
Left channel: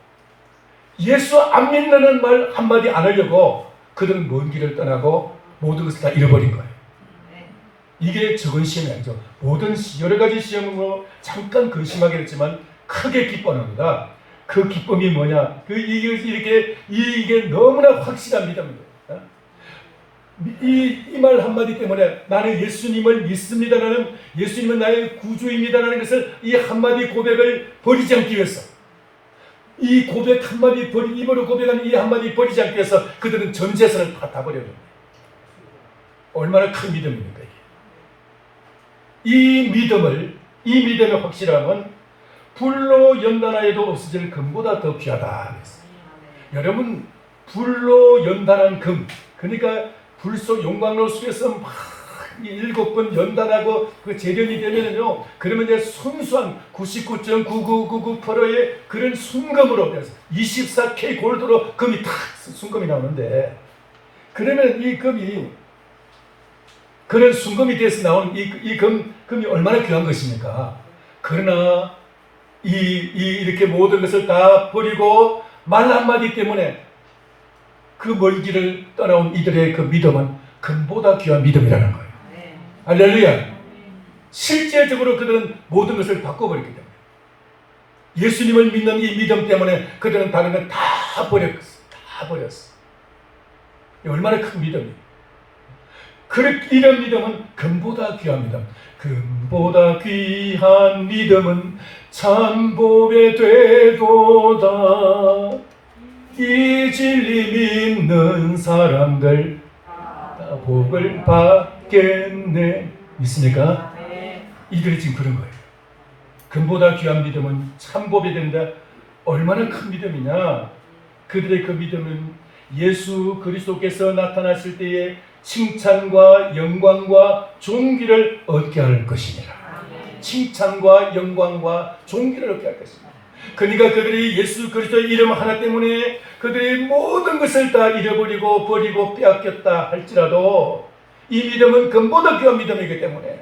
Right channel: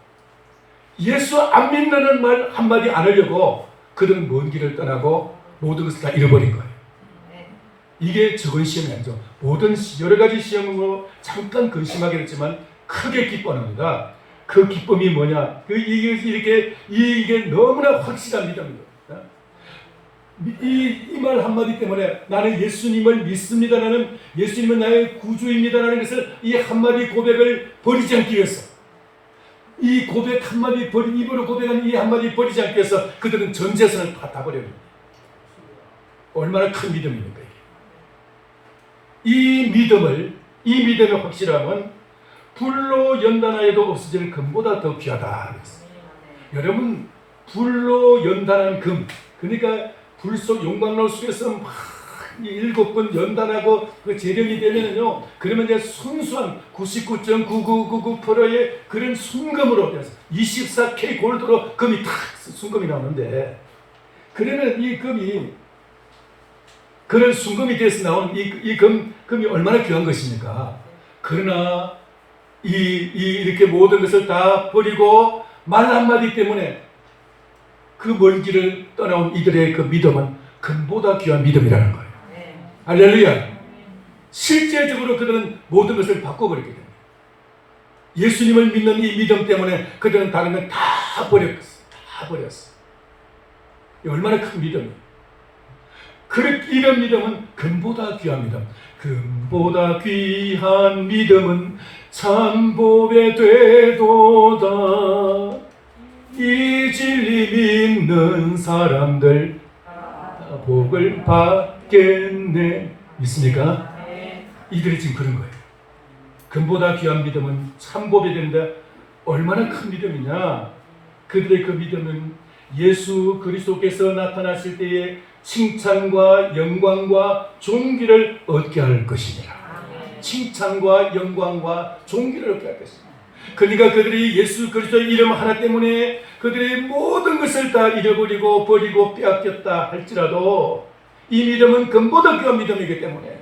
예수 안 믿는 말 한마디 안 하려고 그들은 먼 길을 떠나고 모든 것을 다 잃어버린 거예요. 이게 적은 시험이 아니죠. 모든 여러 가지 시험으로 잠깐 근심하게 됐지만 크게 기뻐합니다. 그 기쁨이 뭐냐? 이게 너무나 확실한 믿음입니다. 이 말 한마디 때문에 나는 예수님을 믿습니다. 나는 예수님은 나의 구주입니다라는 것을 이 한마디 고백을 버리지 않기 위해서, 이 고백 한마디 입으로 고백한 이 한마디 버리지 않기 위해서 그들은 전 재산을 다 버려요. 얼마나 큰 믿음입니까? 이 믿음의 확실함은 불로 연단하여도 없어질 금보다 더 귀하다. 여러분, 불로 연단한 금, 그러니까 불 속 용광로 속에서 막 7번 연단하고 그 재련이 되면은요, 그러면 이제 순수한 99.9999%의 그런 순금으로 24K 골드로 금이 탁 순금이 나오는데, 그러면 이 금이 그런 순금이 돼서 나오는 이 금이 얼마나 귀한 것입니까? 그러나 이렇게 모든 것을 다 버리고 말 한마디 때문에 그 멀기를 떠나온 이들의 그 믿음은 금보다 귀한 믿음이라는 거예요. 할렐루야. 실제적으로 그들은 모든 것을 바꿔버렸기 때문에, 예수님을 믿는 이 믿음 때문에 그들은 다른 걸 다 버렸어. 얼마나 큰 믿음이에요. 이런 믿음은 금보다 귀한 믿음. 금보다 귀한 믿음은 참복에 되도다. 이 진리 믿는 사람들 복을 받겠네. 믿습니까? 이들이 지금 그런 거예요. 금보다 귀한 믿음은 참복이 된다. 얼마나 큰 믿음이냐. 그들의 그 믿음은 예수 그리스도께서 나타나실 때에 칭찬과 영광과 존귀를 얻게 할 것이니라. 칭찬과 영광과 존귀를 얻게 할 것이니라. 그러니까 그들이 예수 그리스도의 이름 하나 때문에 그들의 모든 것을 다 잃어버리고 버리고 빼앗겼다 할지라도 이 믿음은 근보다 귀한 믿음이기 때문에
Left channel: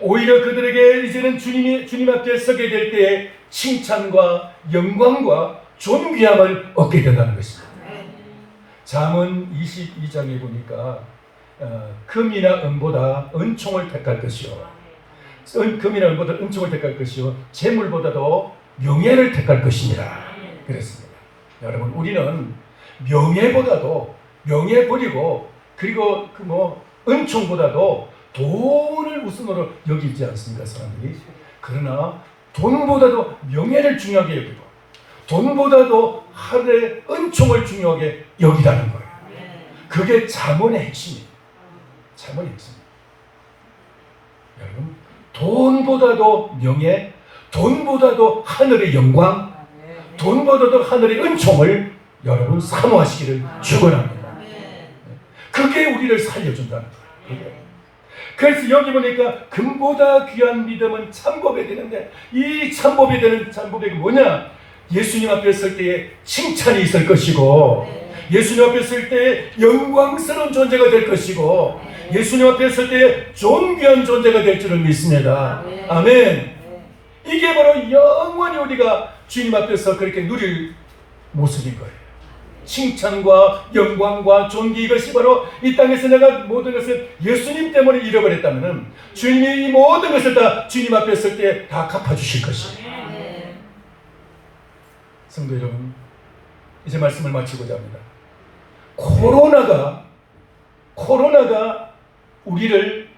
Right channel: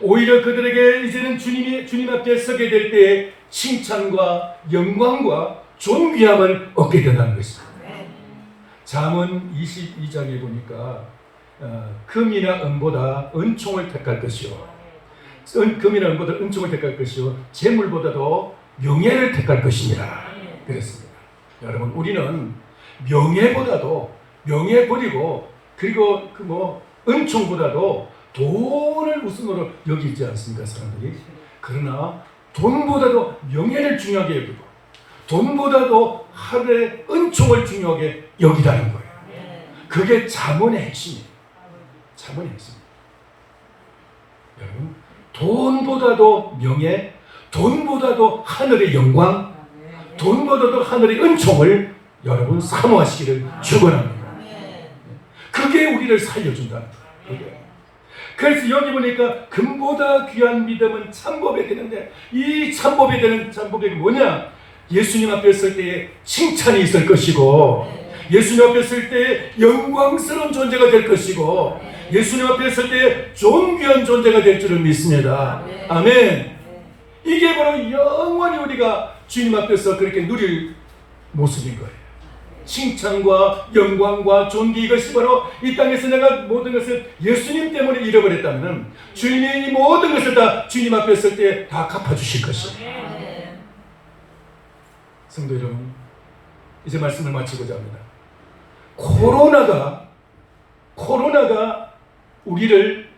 오히려 그들에게 이제는 주님 앞에 서게 될 때에 칭찬과 영광과 존귀함을 얻게 된다는 것입니다. 잠언 22장에 보니까 금이나 은보다 은총을 택할 것이요, 금이나 은보다 은총을 택할 것이요, 재물보다도 명예를 택할 것이니라 그랬습니다. 여러분, 우리는 명예보다도, 명예 버리고 그리고 은총보다도 돈을 우선으로 여기지 않습니까, 사람들이? 그러나 돈보다도 명예를 중요하게 여기고 돈보다도 하늘의 은총을 중요하게 여기라는 거예요. 그게 잠언의 핵심이에요. 잠언의 핵심이에요. 여러분, 돈보다도 명예, 돈보다도 하늘의 영광, 돈보다도 하늘의 은총을 여러분 사모하시기를 축원합니다. 그게 우리를 살려준다는 거예요. 그래서 여기 보니까 금보다 귀한 믿음은 참법이 되는데, 이 참법이 되는 참법이 뭐냐? 예수님 앞에 설 때에 칭찬이 있을 것이고, 예수님 앞에 설 때에 영광스러운 존재가 될 것이고, 예수님 앞에 설 때에 존귀한 존재가 될 줄을 믿습니다. 아멘. 이게 바로 영원히 우리가 주님 앞에서 그렇게 누릴 모습인 거예요. 칭찬과 영광과 존귀, 이것이 바로 이 땅에서 내가 모든 것을 예수님 때문에 잃어버렸다면 주님이 모든 것을 다 주님 앞에 설 때 다 갚아주실 것입니다. 성도 여러분, 이제 말씀을 마치고자 합니다. 코로나가 우리를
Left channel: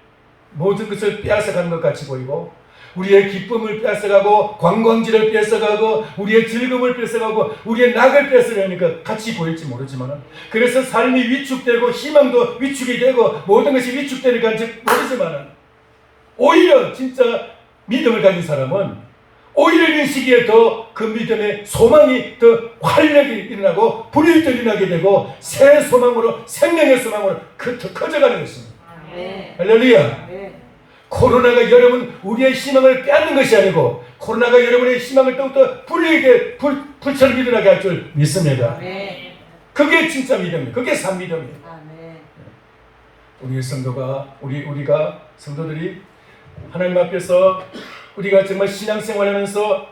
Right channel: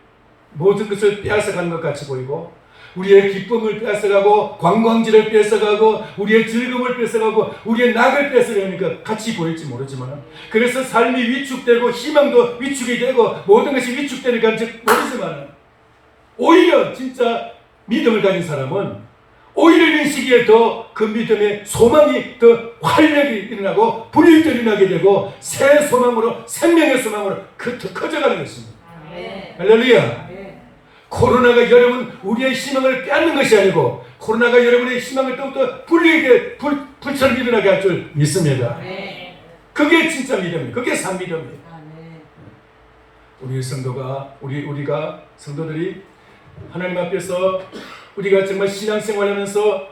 모든 것을 빼앗아가는 것 같이 보이고, 우리의 기쁨을 뺏어가고 관광지를 뺏어가고 우리의 즐거움을 뺏어가고 우리의 낙을 뺏어가니까 같이 보일지 모르지만, 그래서 삶이 위축되고 희망도 위축이 되고 모든 것이 위축되는 건지 모르지만, 오히려 진짜 믿음을 가진 사람은 오히려 이 시기에 더 그 믿음의 소망이 더 활력이 일어나고 불일들이 일어나게 되고 새 소망으로, 생명의 소망으로 더 커져가는 것입니다. 할렐루야. 코로나가 여러분 우리의 희망을 빼앗는 것이 아니고, 코로나가 여러분의 희망을 더욱더 불처럼 일어나게 할 줄 믿습니다. 그게 진짜 믿음이에요. 그게 산 믿음이에요. 우리 성도가, 우리가 성도들이 하나님 앞에서 우리가 정말 신앙생활하면서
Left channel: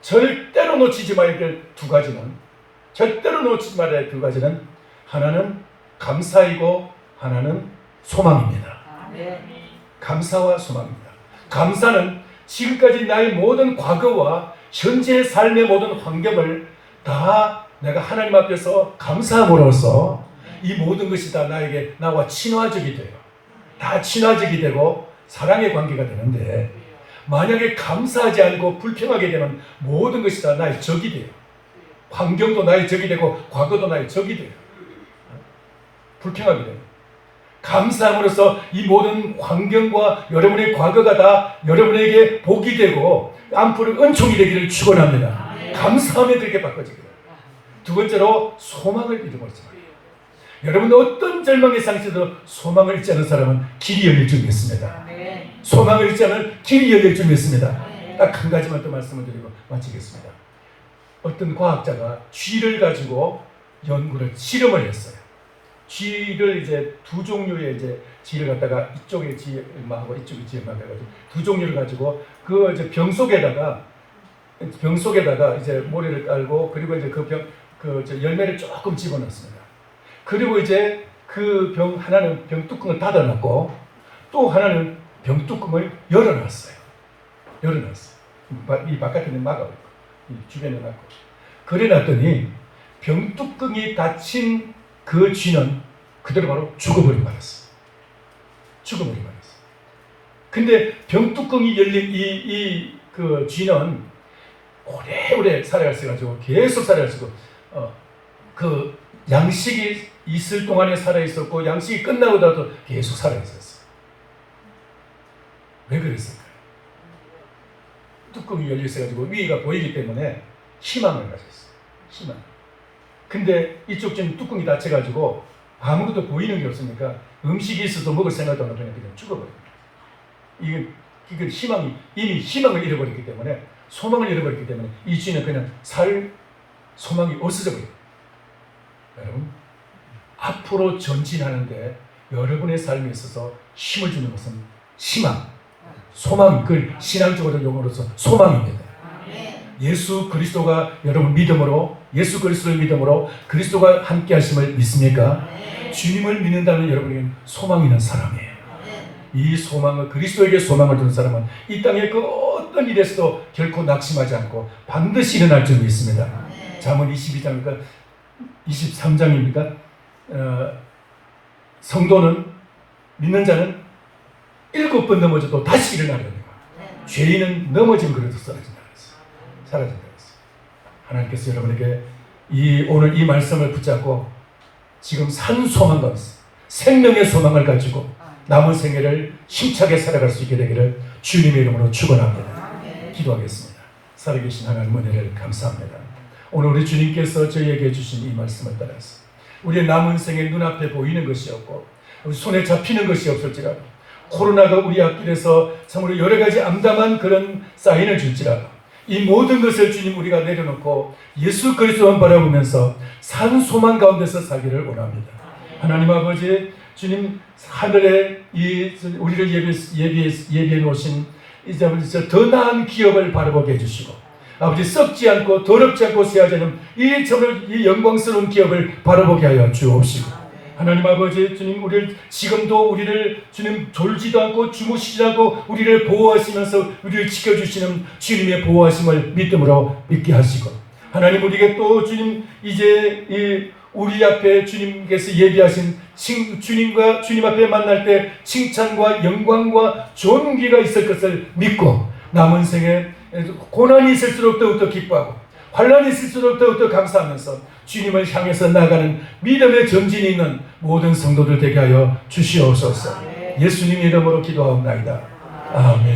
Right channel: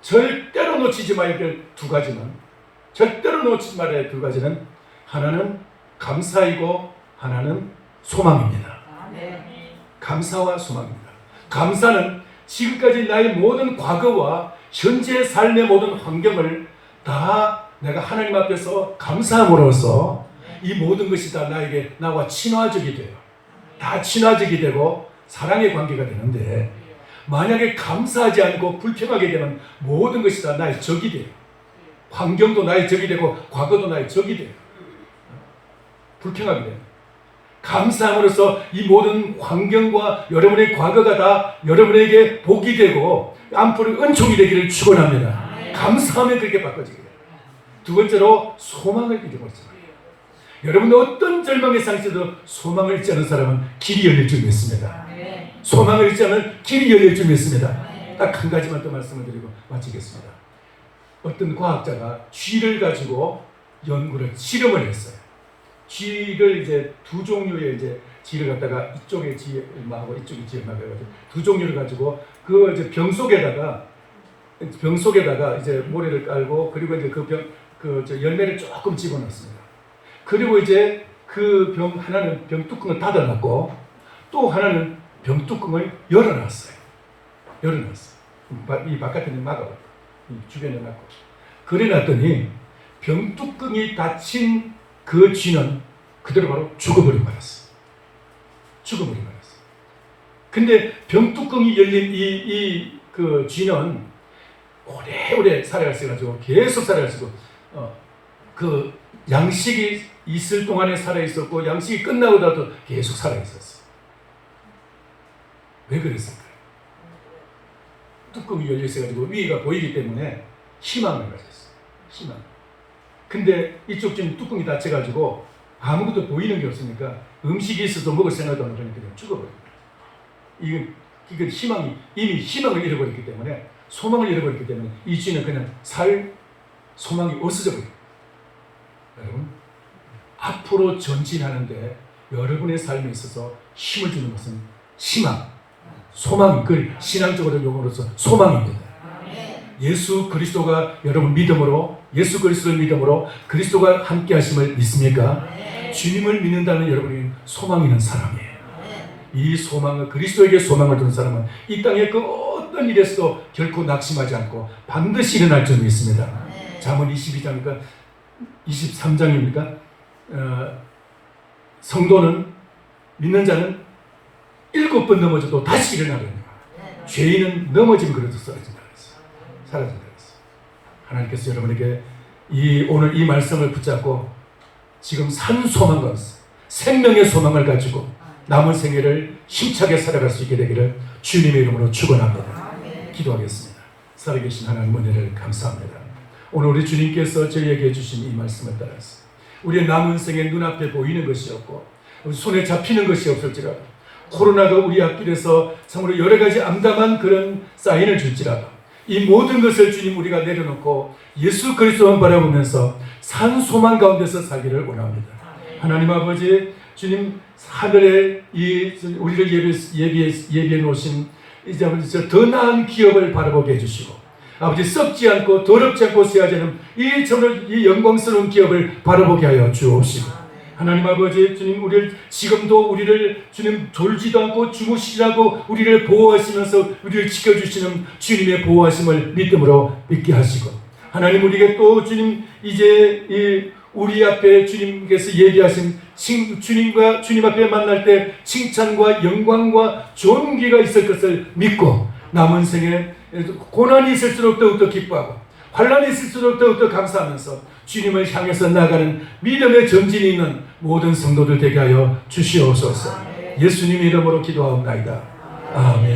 절대로 놓치지 말아야 될 두 가지는, 절대로 놓치지 말아야 될 두 가지는, 하나는 감사이고 하나는 소망입니다. 감사와 소망입니다. 감사는 지금까지 나의 모든 과거와 현재의 삶의 모든 환경을 다 내가 하나님 앞에서 감사함으로써 이 모든 것이 다 나와 친화적이 돼요. 다 친화적이 되고 사랑의 관계가 되는데, 만약에 감사하지 않고 불평하게 되면 모든 것이 다 나의 적이 돼요. 환경도 나의 적이 되고 과거도 나의 적이 돼요. 불평하게 돼요. 감사함으로써 이 모든 환경과 여러분의 과거가 다 여러분에게 복이 되고 앞으로 은총이 되기를 축원합니다. 감사하면 그렇게 바꿔집니다. 두 번째로 소망을 잃어버렸습니다. 여러분, 어떤 절망의 상태도 소망을 잃지 않은 사람은 길이 열릴 줄 믿습니다. 소망을 잃지 않은 길이 열릴 줄 믿습니다. 딱 한 가지만 또 말씀을 드리고 마치겠습니다. 어떤 과학자가 쥐를 가지고 연구를, 실험을 했어요. 쥐를 이제 두 종류의 이제 쥐를 갖다가 이쪽에 쥐하고 이쪽에 쥐하고 해가지고 두 종류를 가지고 그 이제 병 속에다가 이제 모래를 깔고, 그리고 이제 열매를 조금 집어넣습니다. 그리고 이제 그 병 하나는 병 뚜껑을 닫아놨고 또 하나는 병 뚜껑을 열어놨어요. 이 바깥에는 막아요. 이 주변에 막아요. 그래놨더니 병 뚜껑이 닫힌 그 쥐는 그대로 바로 죽어버린 거였어요. 근데 병 뚜껑이 열린 그 쥐는 오래오래 살아갈 수 가지고 계속 살아갈 수 있고, 그 양식이 있을 동안에 살아있었고 양식이 끝나고 나도 계속 살아있었어요. 왜 그랬을까요? 뚜껑이 열려 있어가지고 위가 보이기 때문에 희망을 가졌어요. 희망. 근데 이쪽 지금 뚜껑이 닫혀가지고 아무것도 보이는 게 없으니까 음식이 있어도 먹을 생각도 안 하고 그냥 죽어버려요. 이게 이미 희망을 잃어버렸기 때문에, 소망을 잃어버렸기 때문에 이 주인은 그냥 살 소망이 없어져 버려요. 여러분, 앞으로 전진하는데 여러분의 삶에 있어서 힘을 주는 것은 희망, 소망이, 그 신앙적으로 용어로서 소망입니다. 예수 그리스도가 여러분 믿음으로, 예수 그리스도를 믿음으로 그리스도가 함께 하심을 믿습니까? 주님을 믿는다면 여러분이 소망 있는 사람이에요. 이 소망을, 그리스도에게 소망을 두는 사람은 이 땅의 그 어떤 일에서도 결코 낙심하지 않고 반드시 일어날 줄 믿습니다. 잠언 22장입니까? 23장입니까? 성도는, 믿는 자는 7번 넘어져도 다시 일어나거든요. 죄인은 넘어지면 그래도 사라진다. 하나님께서 여러분에게 오늘 이 말씀을 붙잡고 지금 산 소망과 생명의 소망을 가지고 남은 생애를 힘차게 살아갈 수 있게 되기를 주님의 이름으로 축원합니다. 기도하겠습니다. 살아계신 하나님 은혜를 감사합니다. 오늘 우리 주님께서 저희에게 주신 이 말씀을 따라서 우리의 남은 생에 눈앞에 보이는 것이 없고 손에 잡히는 것이 없을지라도, 코로나가 우리 앞길에서 참으로 여러 가지 암담한 그런 사인을 줄지라도 이 모든 것을 주님 우리가 내려놓고 예수 그리스도만 바라보면서 산 소망 가운데서 살기를 원합니다. 하나님 아버지, 주님 하늘에 우리를 예비해 놓으신 이제 더 나은 기업을 바라보게 해주시고, 아버지 썩지 않고 더럽지 않고 쇠하지 않은 이 영광스러운 기업을 바라보게 하여 주옵시고, 하나님 아버지, 주님 지금도 우리를 주님 졸지도 않고 주무시지 않고 우리를 보호하시면서 우리를 지켜주시는 주님의 보호하심을 믿음으로 믿게 하시고, 하나님 우리에게 또 주님 이제 우리 앞에 주님께서 예비하신 주님 앞에 만날 때 칭찬과 영광과 존귀가 있을 것을 믿고 남은 생에 고난이 있을수록 더욱더 기뻐하고 환난이 있을수록 더욱더 감사하면서 주님을 향해서 나아가는 믿음의 전진이 있는 모든 성도들 되게 하여 주시옵소서. 예수님 이름으로 기도하옵나이다. 아멘.